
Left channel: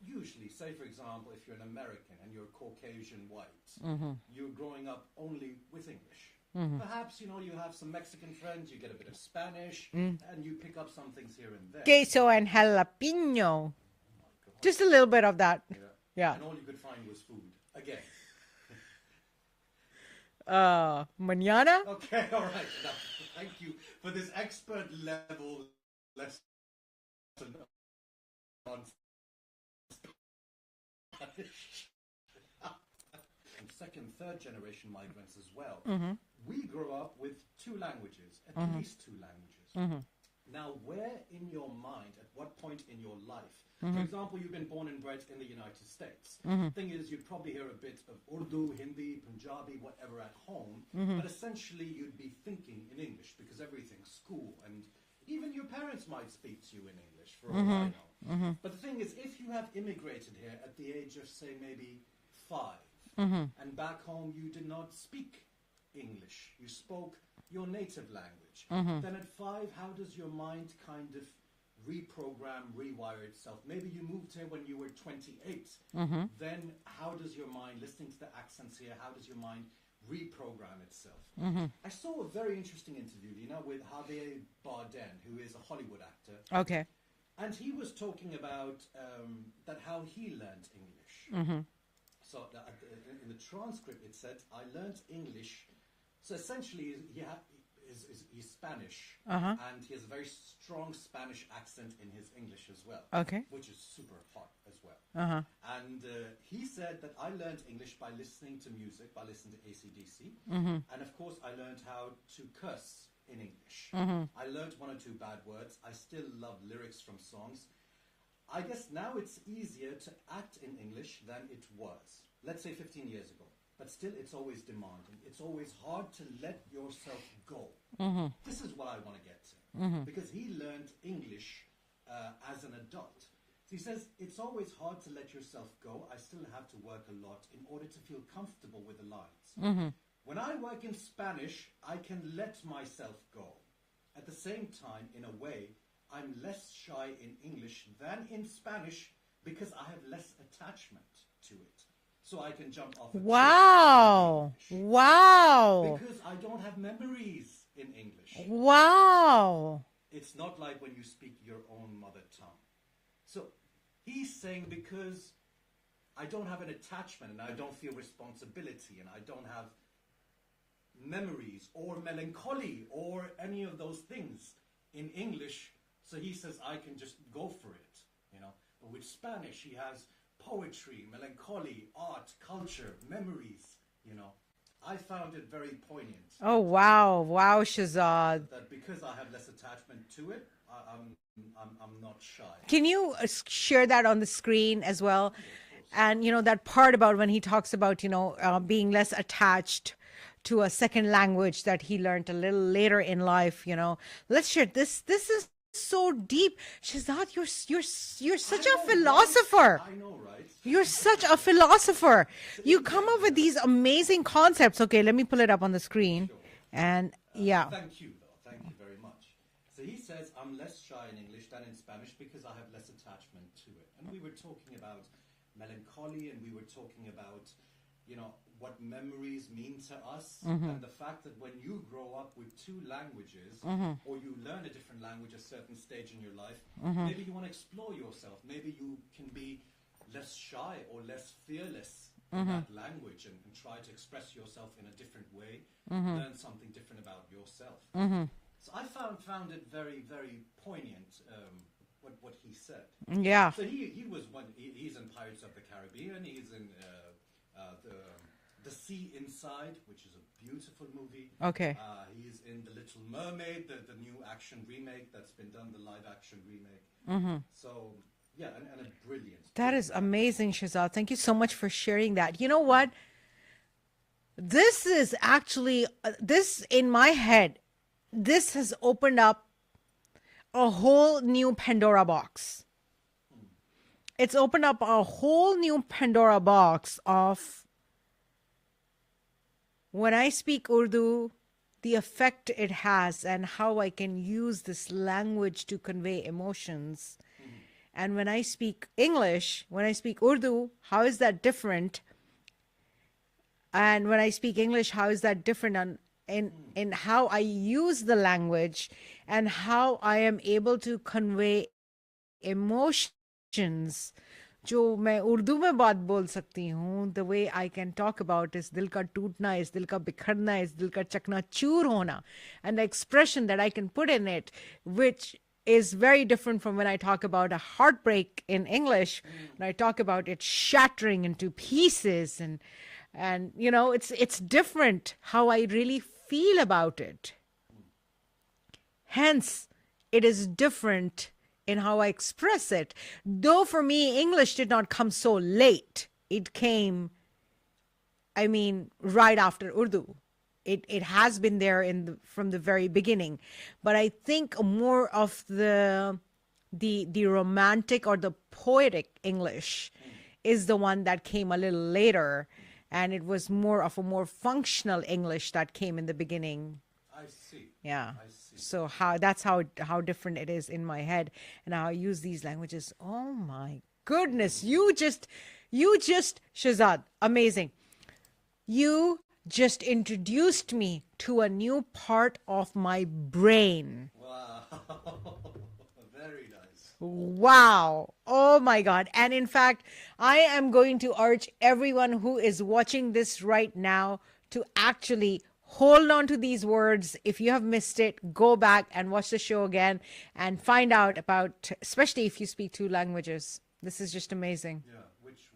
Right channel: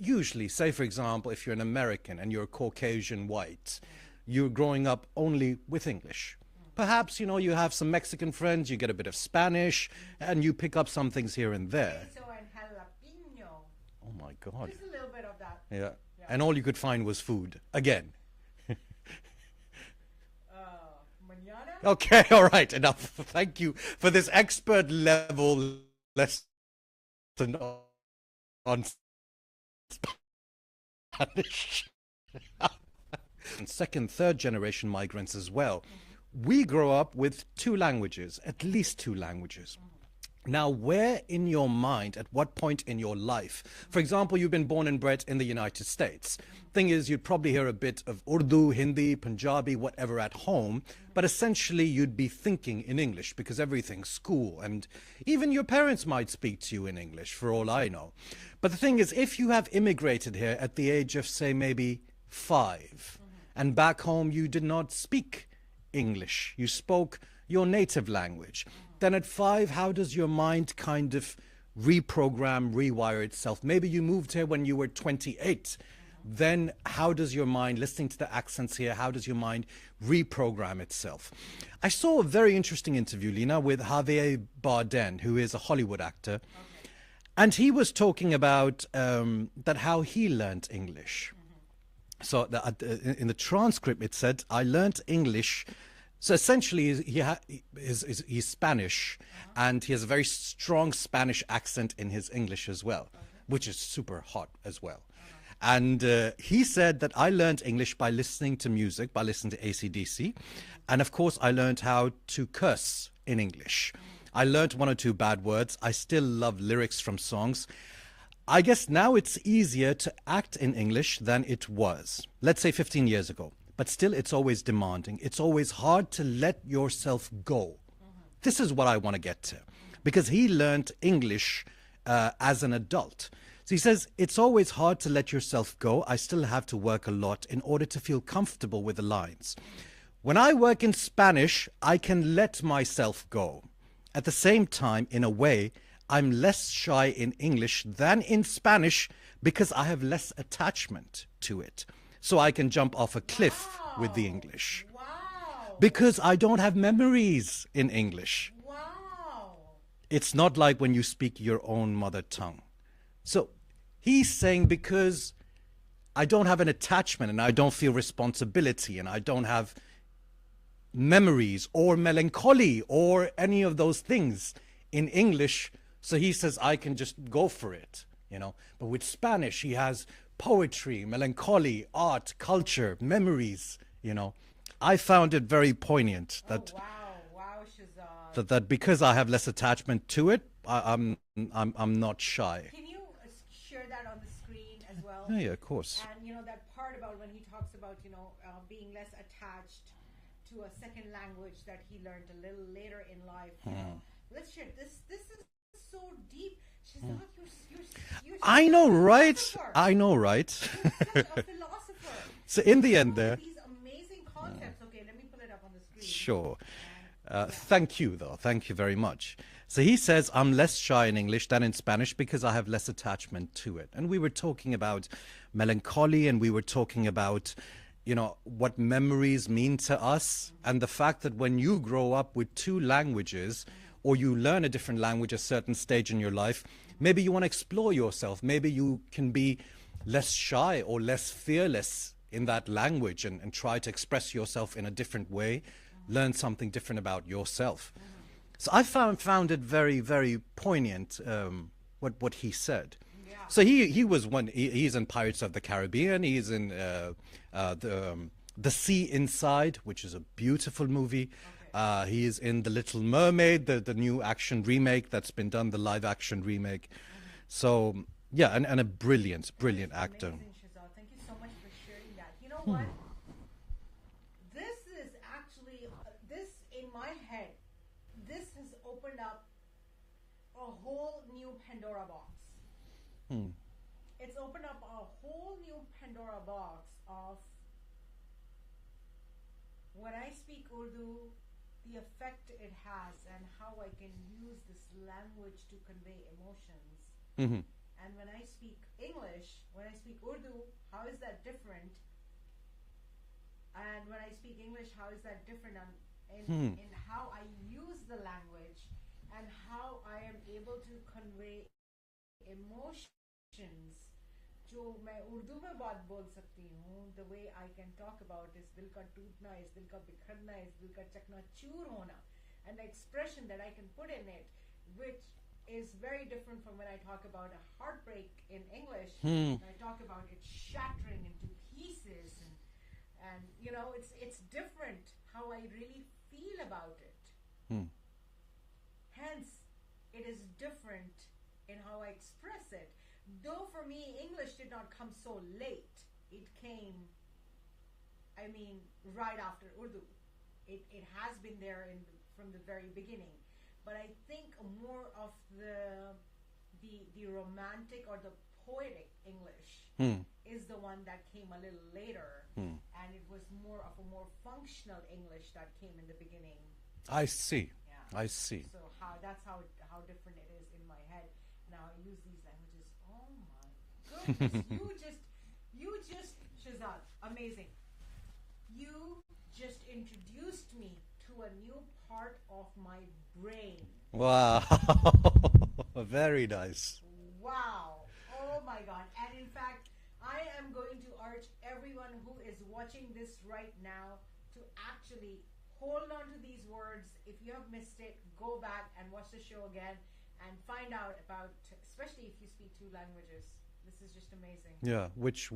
usually, say for example, if you're an American and you're Caucasian white, you're growing up only with English. Perhaps, you have some Mexican friends, you get a bit of Spanish, and you pick up some things here and there. Queso and jalapeno. Oh my God. Just a little bit of that. Yeah. And all you could find was food. Again. Mañana? Okay, all right, enough. Thank you for this expert level lesson on Spanish. And second, third generation migrants as well. We grow up with two languages, at least two languages. Now, where in your mind, at what point in your life, for example, you've been born and bred in the United States. Thing is, you'd probably hear a bit of Urdu, Hindi, Punjabi, whatever at home, but essentially you'd be thinking in English because everything's school, and even your parents might speak to you in English, for all I know. But the thing is, if you have immigrated here at the age of, say, maybe 5, and back home you did not speak English, you spoke your native language, then at 5, how does your mind kind of reprogram, rewire itself? Maybe you moved here when you were 28. Then how does your mind, listening to the accents here, how does your mind reprogram itself? I saw a very interesting interview, Leena, with Javier Bardem, who is a Hollywood actor. Okay. And he was talking about that how he learned English. So in the transcript, it said, I learnt English. So essentially, he's Spanish, and he has a very strong Spanish accent in his English as well, Okay. which is super hot as well. And he said that I learned English by listening to music, by listening to AC/DC. And of course, I learned how to curse in English. I learned one or two bad words. I still love lyrics from songs. I guess now it's easier to act in English than it was, let's say 15 years ago. But still, it's always demanding. It's always hard to let yourself go. This is what I want to get to. Because he learned English as an adult. So he says, it's always hard to let yourself go. I still have to work a lot in order to feel comfortable with the lines. When I work in Spanish, I can let myself go. At the same time, in a way, I'm less shy in English than in Spanish because I have less attachment to it. So I can jump off a cliff with the English. Wow. Because I don't have memories in English. Wow. It's not like when you speak your own mother tongue. So he's saying because I don't have an attachment and I don't feel responsibility and I don't have memories or melancholy or any of those things in English. So he says I can just go for it, you know. But with Spanish, he has poetry, melancholy, art, culture, memories, you know. I found it very poignant. Oh, wow. Wow, Schehzad. That because I have less attachment to it, I'm not shy. Can you share that on the screen as well? Yeah, of course. And, you know, that part about when he talks about, you know, being less attached to a second language that he learned a little later in life, you know. Let's share this. This is so deep. Schehzad, you're such a philosopher. Right? I know, right? You're such a philosopher. So you in the come end up with these amazing concepts. Okay, let me pull it up on the screen. Sure. And yeah. Thank you, though. Thank you very much. So he says, I'm less shy in English than in Spanish because I have less attachment to it. And we were talking about melancholy and we were talking about, you know, what memories mean to us and the fact that when you grow up with two languages or you learn a different language at a certain stage in your life, maybe you want to explore yourself. Maybe you can be less shy or less fearless in that language and try to express yourself in a different way, learn something different about yourself. So I found it very, very poignant what he said. Yeah. So he's in Pirates of the Caribbean. He's in The Sea Inside, which is a beautiful movie. Okay. He is in The Little Mermaid, the new action remake that's been done, the live action remake. So yeah, and a brilliant That is actor. amazing, Schehzad. Thank you so much for sharing that. You know what? This is actually, this in my head, this has opened up a whole new Pandora box. It's opened up a whole new Pandora box of when I speak Urdu, the effect it has and how I can use this language to convey emotions. And when I speak English, when I speak Urdu, how is that different? And when I speak English, how is that different in how I use the language and how I am able to convey emotions जो मैं उर्दू में बात बोल सकती हूँ, the way I can talk about is दिल का टूटना, is दिल का बिखरना, is दिल का चकनाचूर होना, and the expression that I can put in it, which is very different from when I talk about a heartbreak in English. When I talk about it shattering into pieces, and you know, it's different how I really feel about it. Hence, it is different in how I express it. Though for me, English did not come so late. It came, I mean, right after Urdu. It has been there from the very beginning. But I think more of the romantic or the poetic English is the one that came a little later. And it was more of a more functional English that came in the beginning. I see. Yeah. I see. So that's how different it is in my head and how I use these languages. Oh my goodness. you just Schehzad, amazing. You just introduced me to a new part of my brain. Wow. Very nice. Wow. Oh my God. And in fact, I am going to urge everyone who is watching this right now to actually hold on to these words. If you have missed it, go back and watch the show again and find out about, especially if you speak two languages. This is just amazing. Yeah, which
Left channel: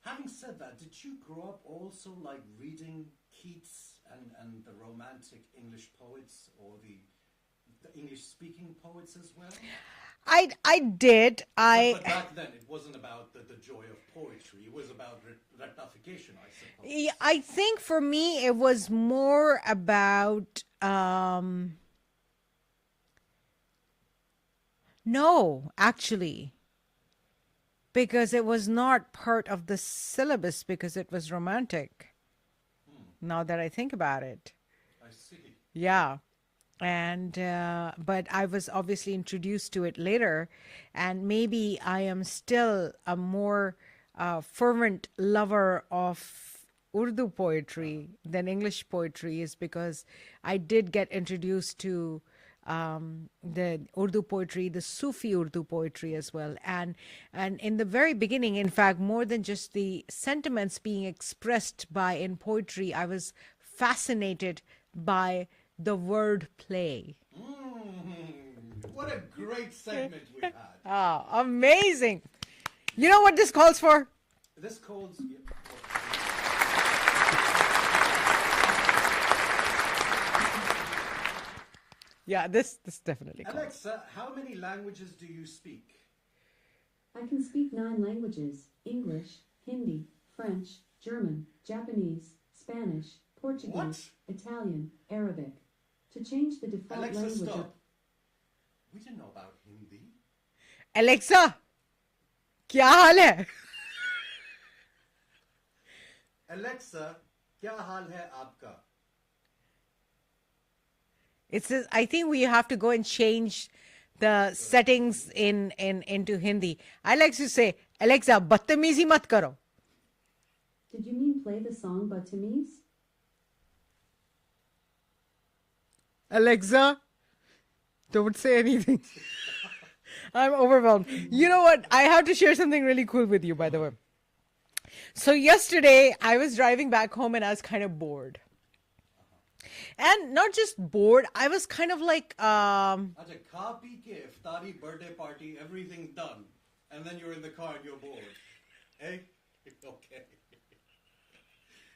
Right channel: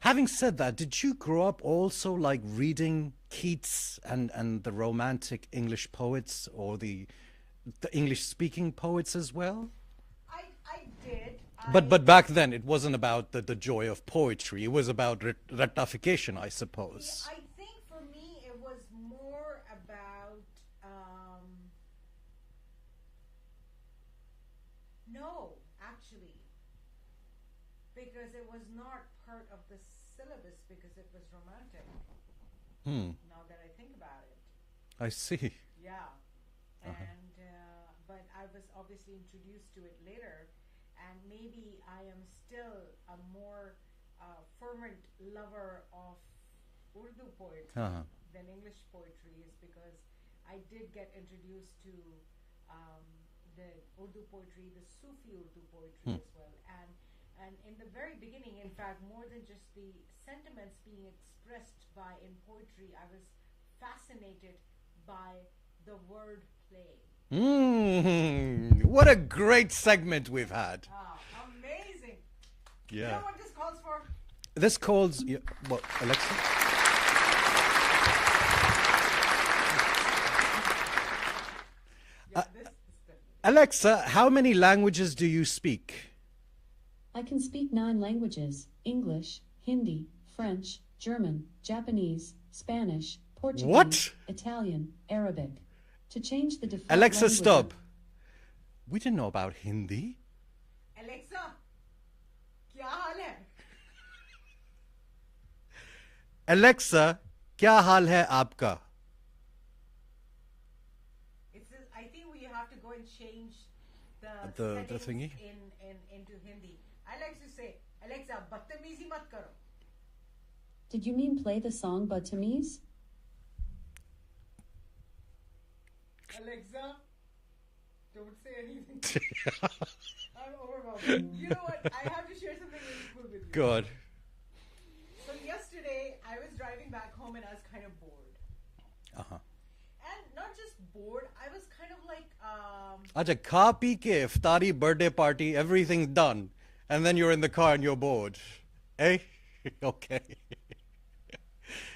having said that, did you grow up also like reading Keats and the romantic English poets or the English speaking poets as well? I did. But back then it wasn't about the joy of poetry. It was about rectification, I suppose. Yeah, I think for me it was more about no, actually, because it was not part of the syllabus because it was romantic. Now that I think about it. I see. Yeah. And but I was obviously introduced to it later, and maybe I am still a more fervent lover of Urdu poetry than English poetry, is because I did get introduced to the Urdu poetry, the Sufi Urdu poetry as well. And in the very beginning, in fact, more than just the sentiments being expressed by in poetry, I was fascinated by the word play. What a great segment we've had. Oh, amazing. Yeah. You know what this calls for? This calls... What, Alexa? Yeah, this definitely. Alexa, how many languages do you speak? I can speak 9 languages: English, Hindi, French, German, Japanese, Spanish, Portuguese, What? Italian, Arabic. To change the default Alexa, language stop. We didn't know about Hindi. Alexa, क्या हाल है? Alexa, क्या हाल है आपका? It says, I think we have to go and change the settings thingy? into Hindi. I like to say, Alexa, बदतमीजी मत करो. Did you mean play the song Batamise? Alexa, don't say anything. I'm overwhelmed. You know what? I have to share something really cool with you, by the God. way. So yesterday, I was driving back home and I was kind of bored. And not just bored, I was kind of like, Acha, kha pee ke, iftari, birthday party, everything's done. And then you're in the car and you're bored. Eh? Okay.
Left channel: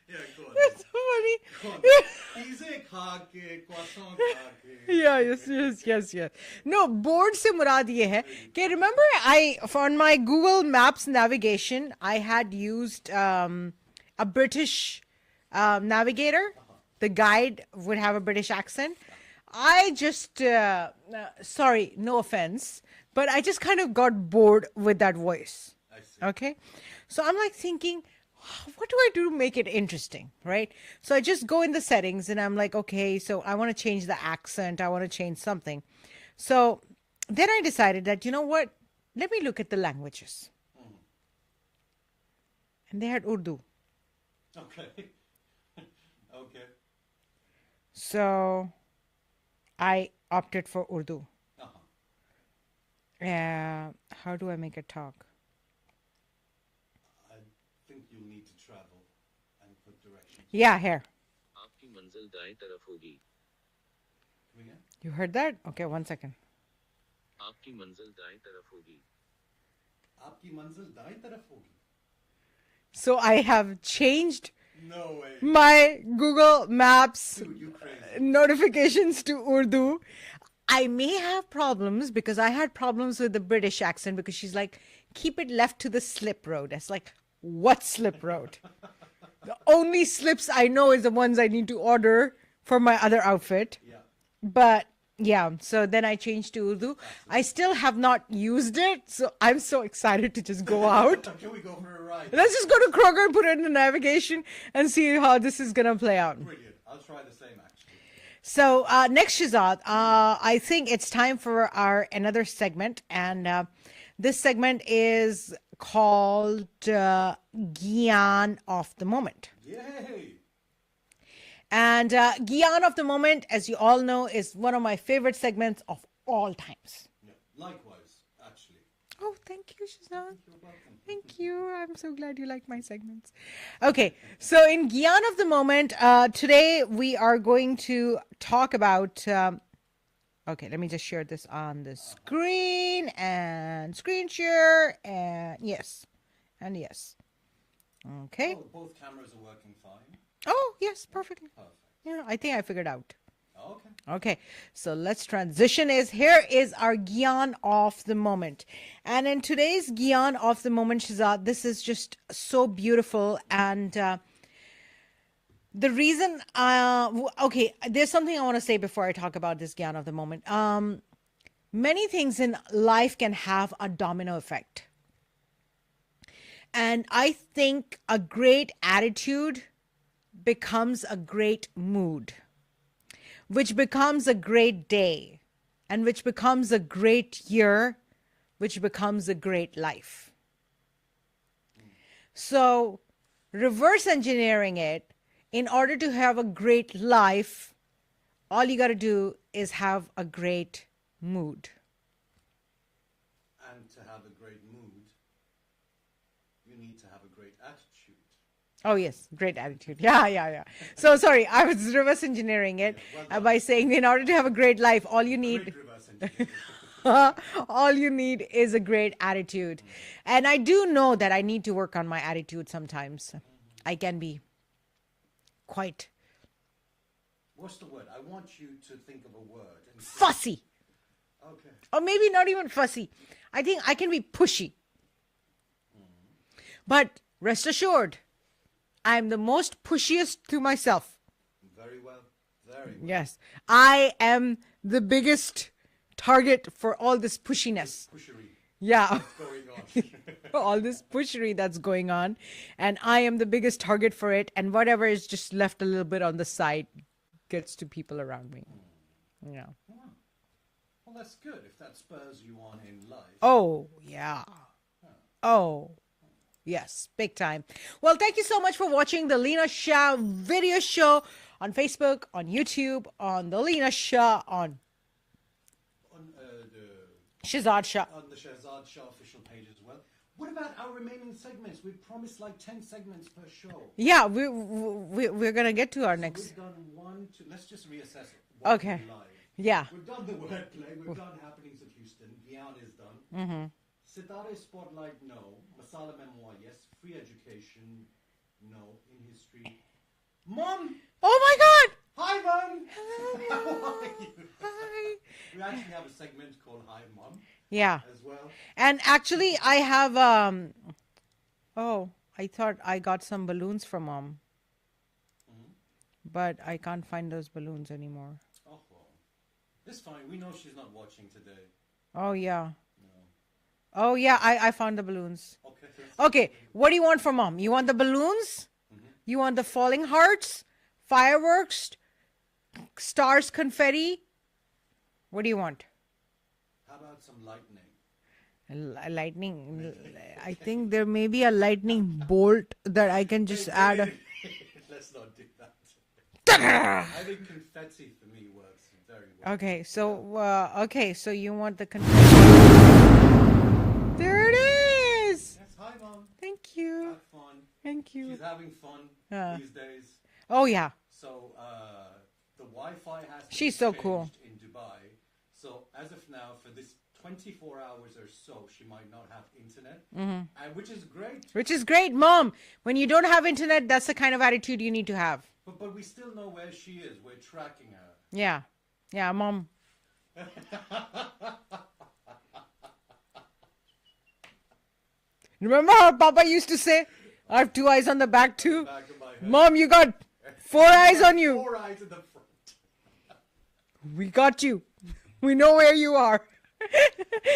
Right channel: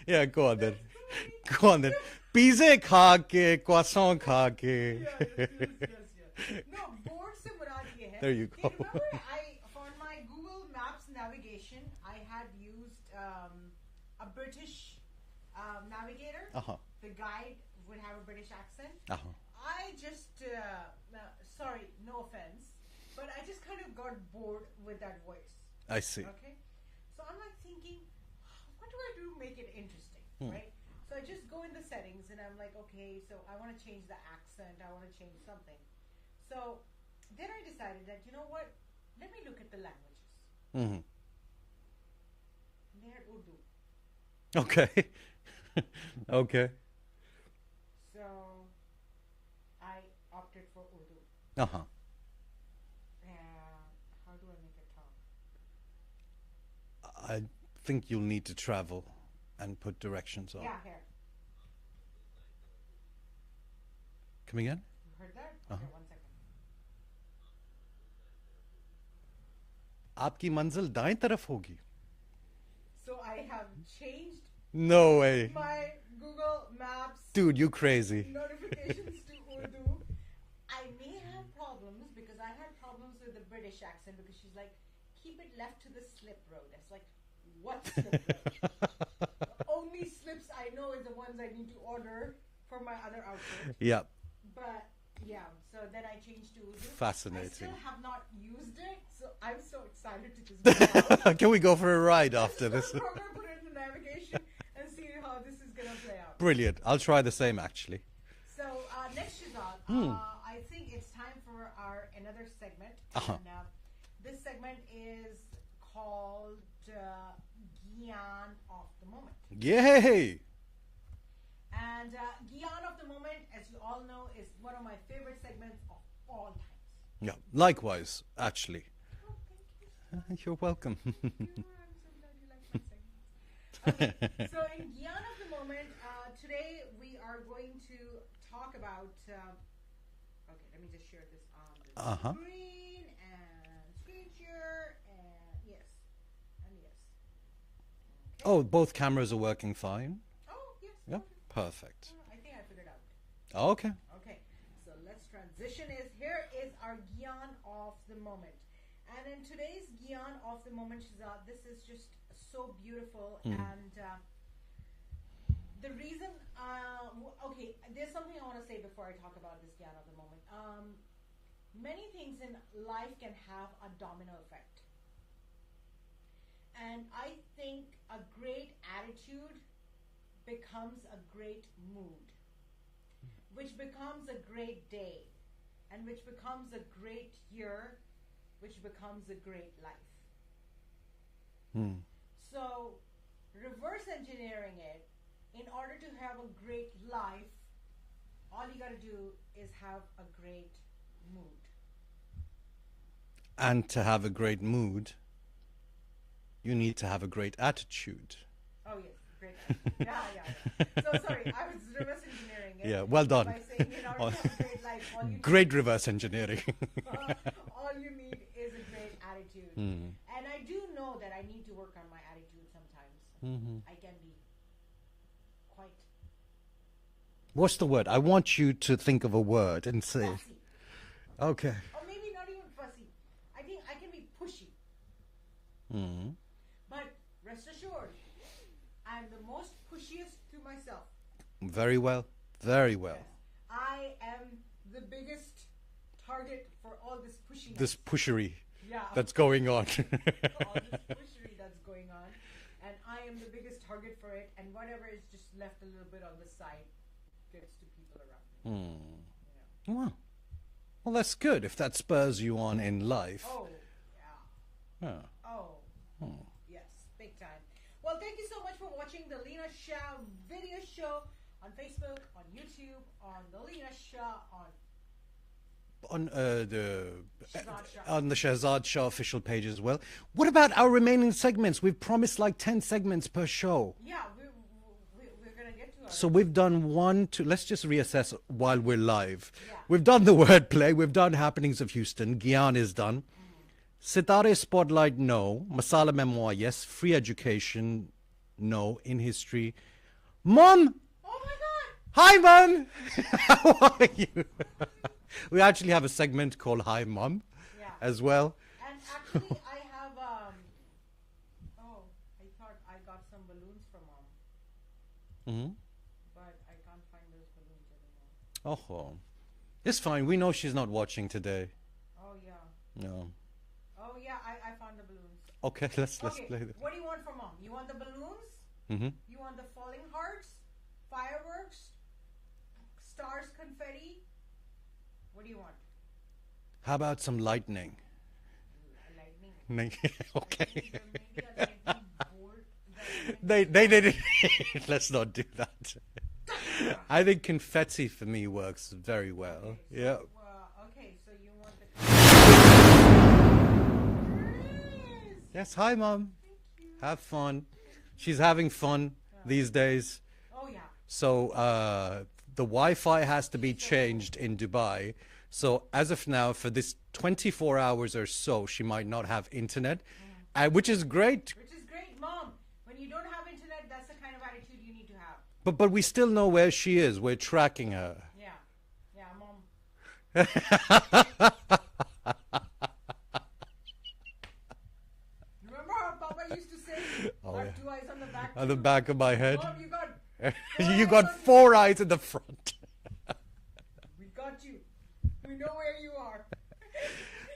Yeah, go on then. Go on then. Pizza kha ke, croissant kha ke. yeah, yes. No, bored se murad ye hai. There you Okay, go. remember on my Google Maps navigation, I had used a British navigator. The guide would have a British accent. I just, sorry, no offense, but I just kind of got bored with that voice. I see. Okay. So I'm like thinking, what do I do to make it interesting? Right. So I just go in the settings and I'm like, okay, so I want to change the accent. I want to change something. So then I decided that, you know what? Let me look at the languages. And they had Urdu. Okay. Okay. So I opted for Urdu. How do I make it talk? I think you'll need to travel and put directions. Yeah, here. आपकी मंजिल दाएं तरफ होगी. Come again? You heard that? Okay, 1 second. आपकी मंजिल दाएं तरफ होगी. Aapki manzil daएं taraf hogi. So I have changed No way. my Google Maps Dude, you crazy. notifications to Urdu. I may have problems because I had problems with the British accent because she's like, keep it left to the slip road. It's like, what slip road? The only slips I know is the ones I need to order for my other outfit. Yeah. But yeah, so then I changed to Urdu. I Fascinating. still have not used it, so I'm so excited to just go out. Can we go for a ride? Let's after just go to this? Kroger, put it in the navigation, and see how this is going to play out. Brilliant. I'll try the same actually. So next, Schehzad, I think it's time for our another segment, and this segment is called Gyan of the Moment. Yay! And Gyan of the Moment, as you all know, is one of my favorite segments of all times. Yeah. Likewise, actually. Oh, thank you, Shehzad. You're welcome. Thank you. I'm so glad you like my segments. Okay, so in Gyan of the Moment, today we are going to talk about. Okay, let me just share this on the screen and screen share and yes. Okay. Oh, both cameras are working fine. Oh, yes, perfectly. Perfect. Yeah, I think I figured out. Okay. Okay, so let's transition. Here is our Gyan of the Moment. And in today's Gyan of the Moment, Schehzad, this is just so beautiful. And the reason, okay, there's something I want to say before I talk about this Gyan of the Moment. Many things in life can have a domino effect. And I think a great attitude becomes a great mood, which becomes a great day, and which becomes a great year, which becomes a great life. So reverse engineering it, in order to have a great life, all you got to do is have a great mood. And to have a great mood, you need to have a great attitude. Oh, yes. Great attitude. Yeah. So, sorry, I was reverse engineering it. Yeah, well done. By saying in order to have a great life, all you need... Great reverse engineering. all you need is a great attitude. And I do know that I need to work on my attitude sometimes. I can be quite... What's the word? I want you to think of a word and say... fussy. Okay. Or maybe not even fussy. I think I can be pushy. But rest assured, I'm the most pushiest to myself. Very well. Very well. Yes. I am the biggest target for all this pushiness. This pushery Yeah. that's going on. All this pushery that's going on. And I am the biggest target for it. And whatever is just left a little bit on the side gets to people around me. Yeah. Wow. Well, that's good if that spurs you on in life. Oh, yeah. Yeah. Oh, yes, big time. Well, thank you so much for watching the Leena Shah video show on Facebook, on YouTube, on the Leena Shah, on the Schehzad Shah. on the Schehzad Shah official page as well. What about our remaining segments? We've promised like 10 segments per show. Yeah, we're going to get to our So next. we've done 1, 2. Let's just reassess while Okay. we're live. Yeah. We've done the wordplay. We've done Happenings of Houston. Gyan is done. Sitare Spotlight, no. Masala Memoir, yes. Free Education, no. In History. Mom! Oh, my God! Hi, Mom! How are you? Hi. We actually have a segment called Hi, Mom Yeah. as well. And actually, I have, oh, I thought I got some balloons from Mom. But I can't find those balloons anymore. Oh, it's fine. We know she's not watching today. Oh, yeah. No. Oh, yeah, I found the balloons. Okay, let's Okay, play this. what do you want from Mom? You want the balloons? You want the falling hearts? Fireworks? Stars, confetti? What do you want? How about some lightning? Lightning. I Okay. think there may be a lightning bolt that I can just Let's not do that. I think confetti for me works very well. Okay, so Yeah. okay, so you want the confetti. There it is. Yes, hi, Mom. Thank you. Have fun. Thank you. She's having fun these days. Oh, yeah. So the Wi-Fi has to She's be so cool. changed in Dubai. So as of now, for this 24 hours or so, she might not have internet, which is great. Which is great, Mom. When you don't have internet, that's the kind of attitude you need to have. But we still know where she is. We're tracking her. Yeah. Yeah, Mom. Remember how Papa used to say, I have 2 eyes on the back too? On the back of my head. Mom, you got 4 You eyes got on you. 4 eyes in the front. We got you. We know where you are.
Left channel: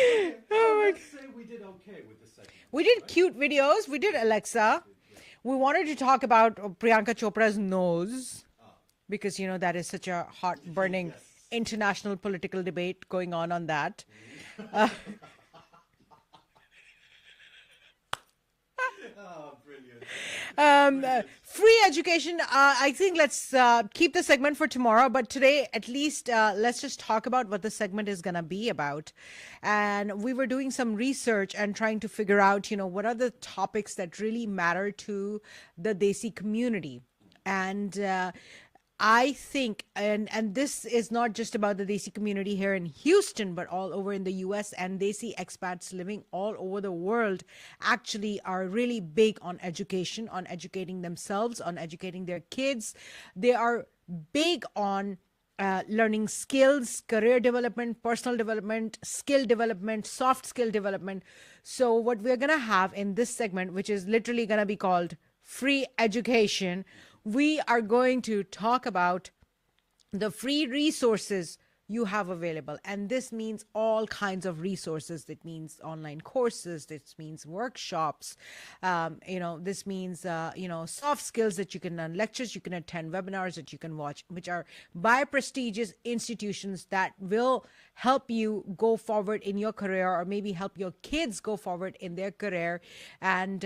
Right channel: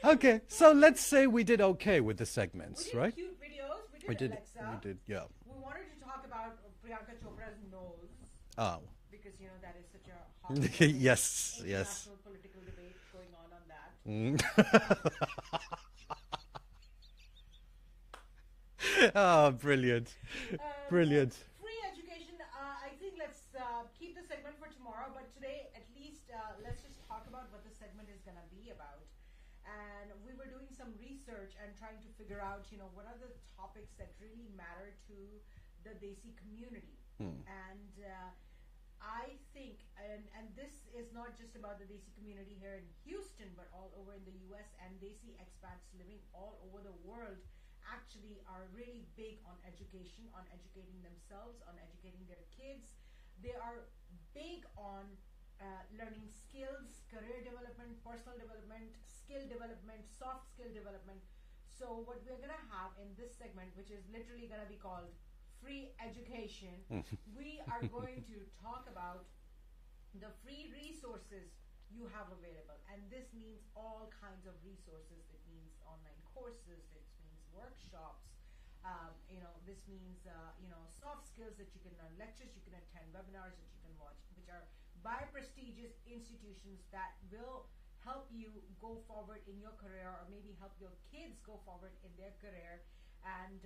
Okay, so let's say we did okay with the segments. We did right? cute videos. We did Alexa. We did, yeah. We wanted to talk about Priyanka Chopra's nose. Oh. Because, you know, that is such a heart-burning Yes, international political debate going on that. Oh, brilliant. Um, Brilliant. free education. I think let's keep the segment for tomorrow, but today, at least, let's just talk about what the segment is going to be about. And we were doing some research and trying to figure out, what are the topics that really matter to the Desi community. And I think, and this is not just about the Desi community here in Houston, but all over in the US, and Desi expats living all over the world actually are really big on education, on educating themselves, on educating their kids. They are big on learning skills, career development, personal development, skill development, soft skill development. So, what we're going to have in this segment, which is literally going to be called free education, we are going to talk about the free resources you have available. And this means all kinds of resources. That means online courses. This means workshops. This means, soft skills that you can learn, lectures you can attend, webinars that you can watch, which are by prestigious institutions that will help you go forward in your career, or maybe help your kids go forward in their career. And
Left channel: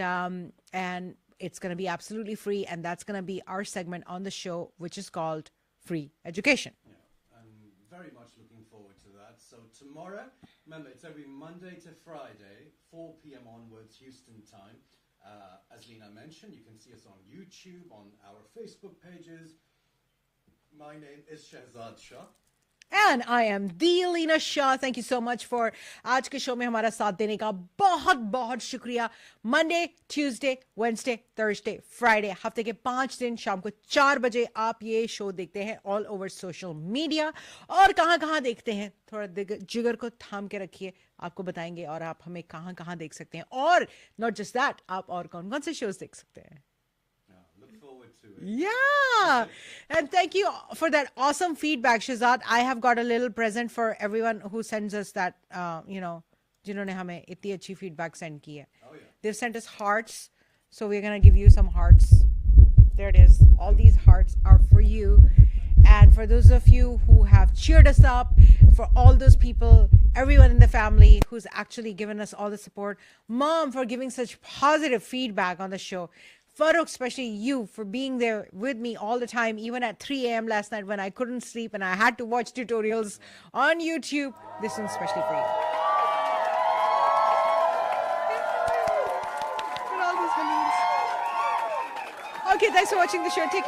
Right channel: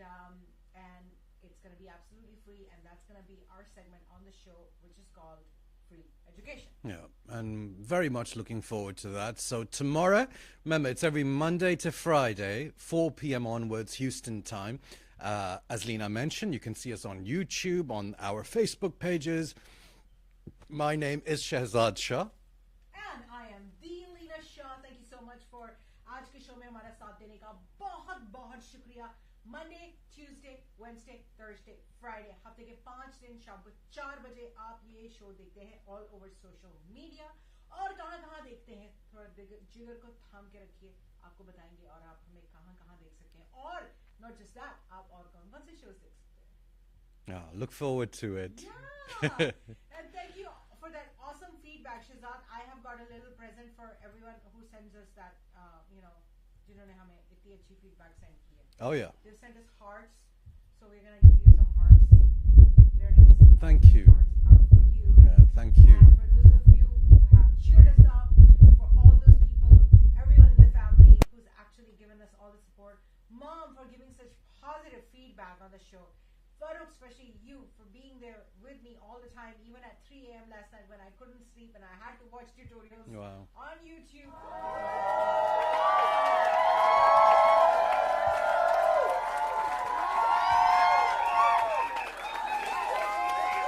it's going to be absolutely free. And that's going to be our segment on the show, which is called Free Education. Yeah, and very much looking forward to that. So tomorrow, remember, it's every Monday to Friday, 4 p.m. onwards, Houston time. As Leena mentioned, you can see us on YouTube, on our Facebook pages. My name is Schehzad Shah. And I am the Leena Shah. Thank you so much for आज के show में हमारा साथ देने का बहुत बहुत शुक्रिया. Monday, Tuesday, Wednesday, Thursday, Friday, हफ्ते के 5 दिन शाम को 4 बजे आप ये शो देखते हैं all over social media. और कहाँ देखते हैं, थोड़ा जिगर को थाम के रखिए, आपको बताएंगे. और आप हमें कहाँ देख सकते हैं. और not just that, आप और कौन से shows देख सकते हैं. Look forward to it. Yeah. And thank you for that awesome feedback, Schehzad. I have got a little present for everyone who sends us that, जिन्होंने हमें इतनी अच्छी feedback send की है. Oh, yeah. They've sent us hearts. So we're going to give you some hearts. There it is. All Thank these you. hearts are for you. Yeah, thank you. And for those of you who have cheered us up, for all those people, everyone in the family who's actually given us all the support. Mom, for giving such positive feedback on the show. Farooq, especially you, for being there with me all the time, even at 3 a.m. last night when I couldn't sleep and I had to watch tutorials on YouTube. This one's especially for you. Okay, thanks for watching the show. Take care.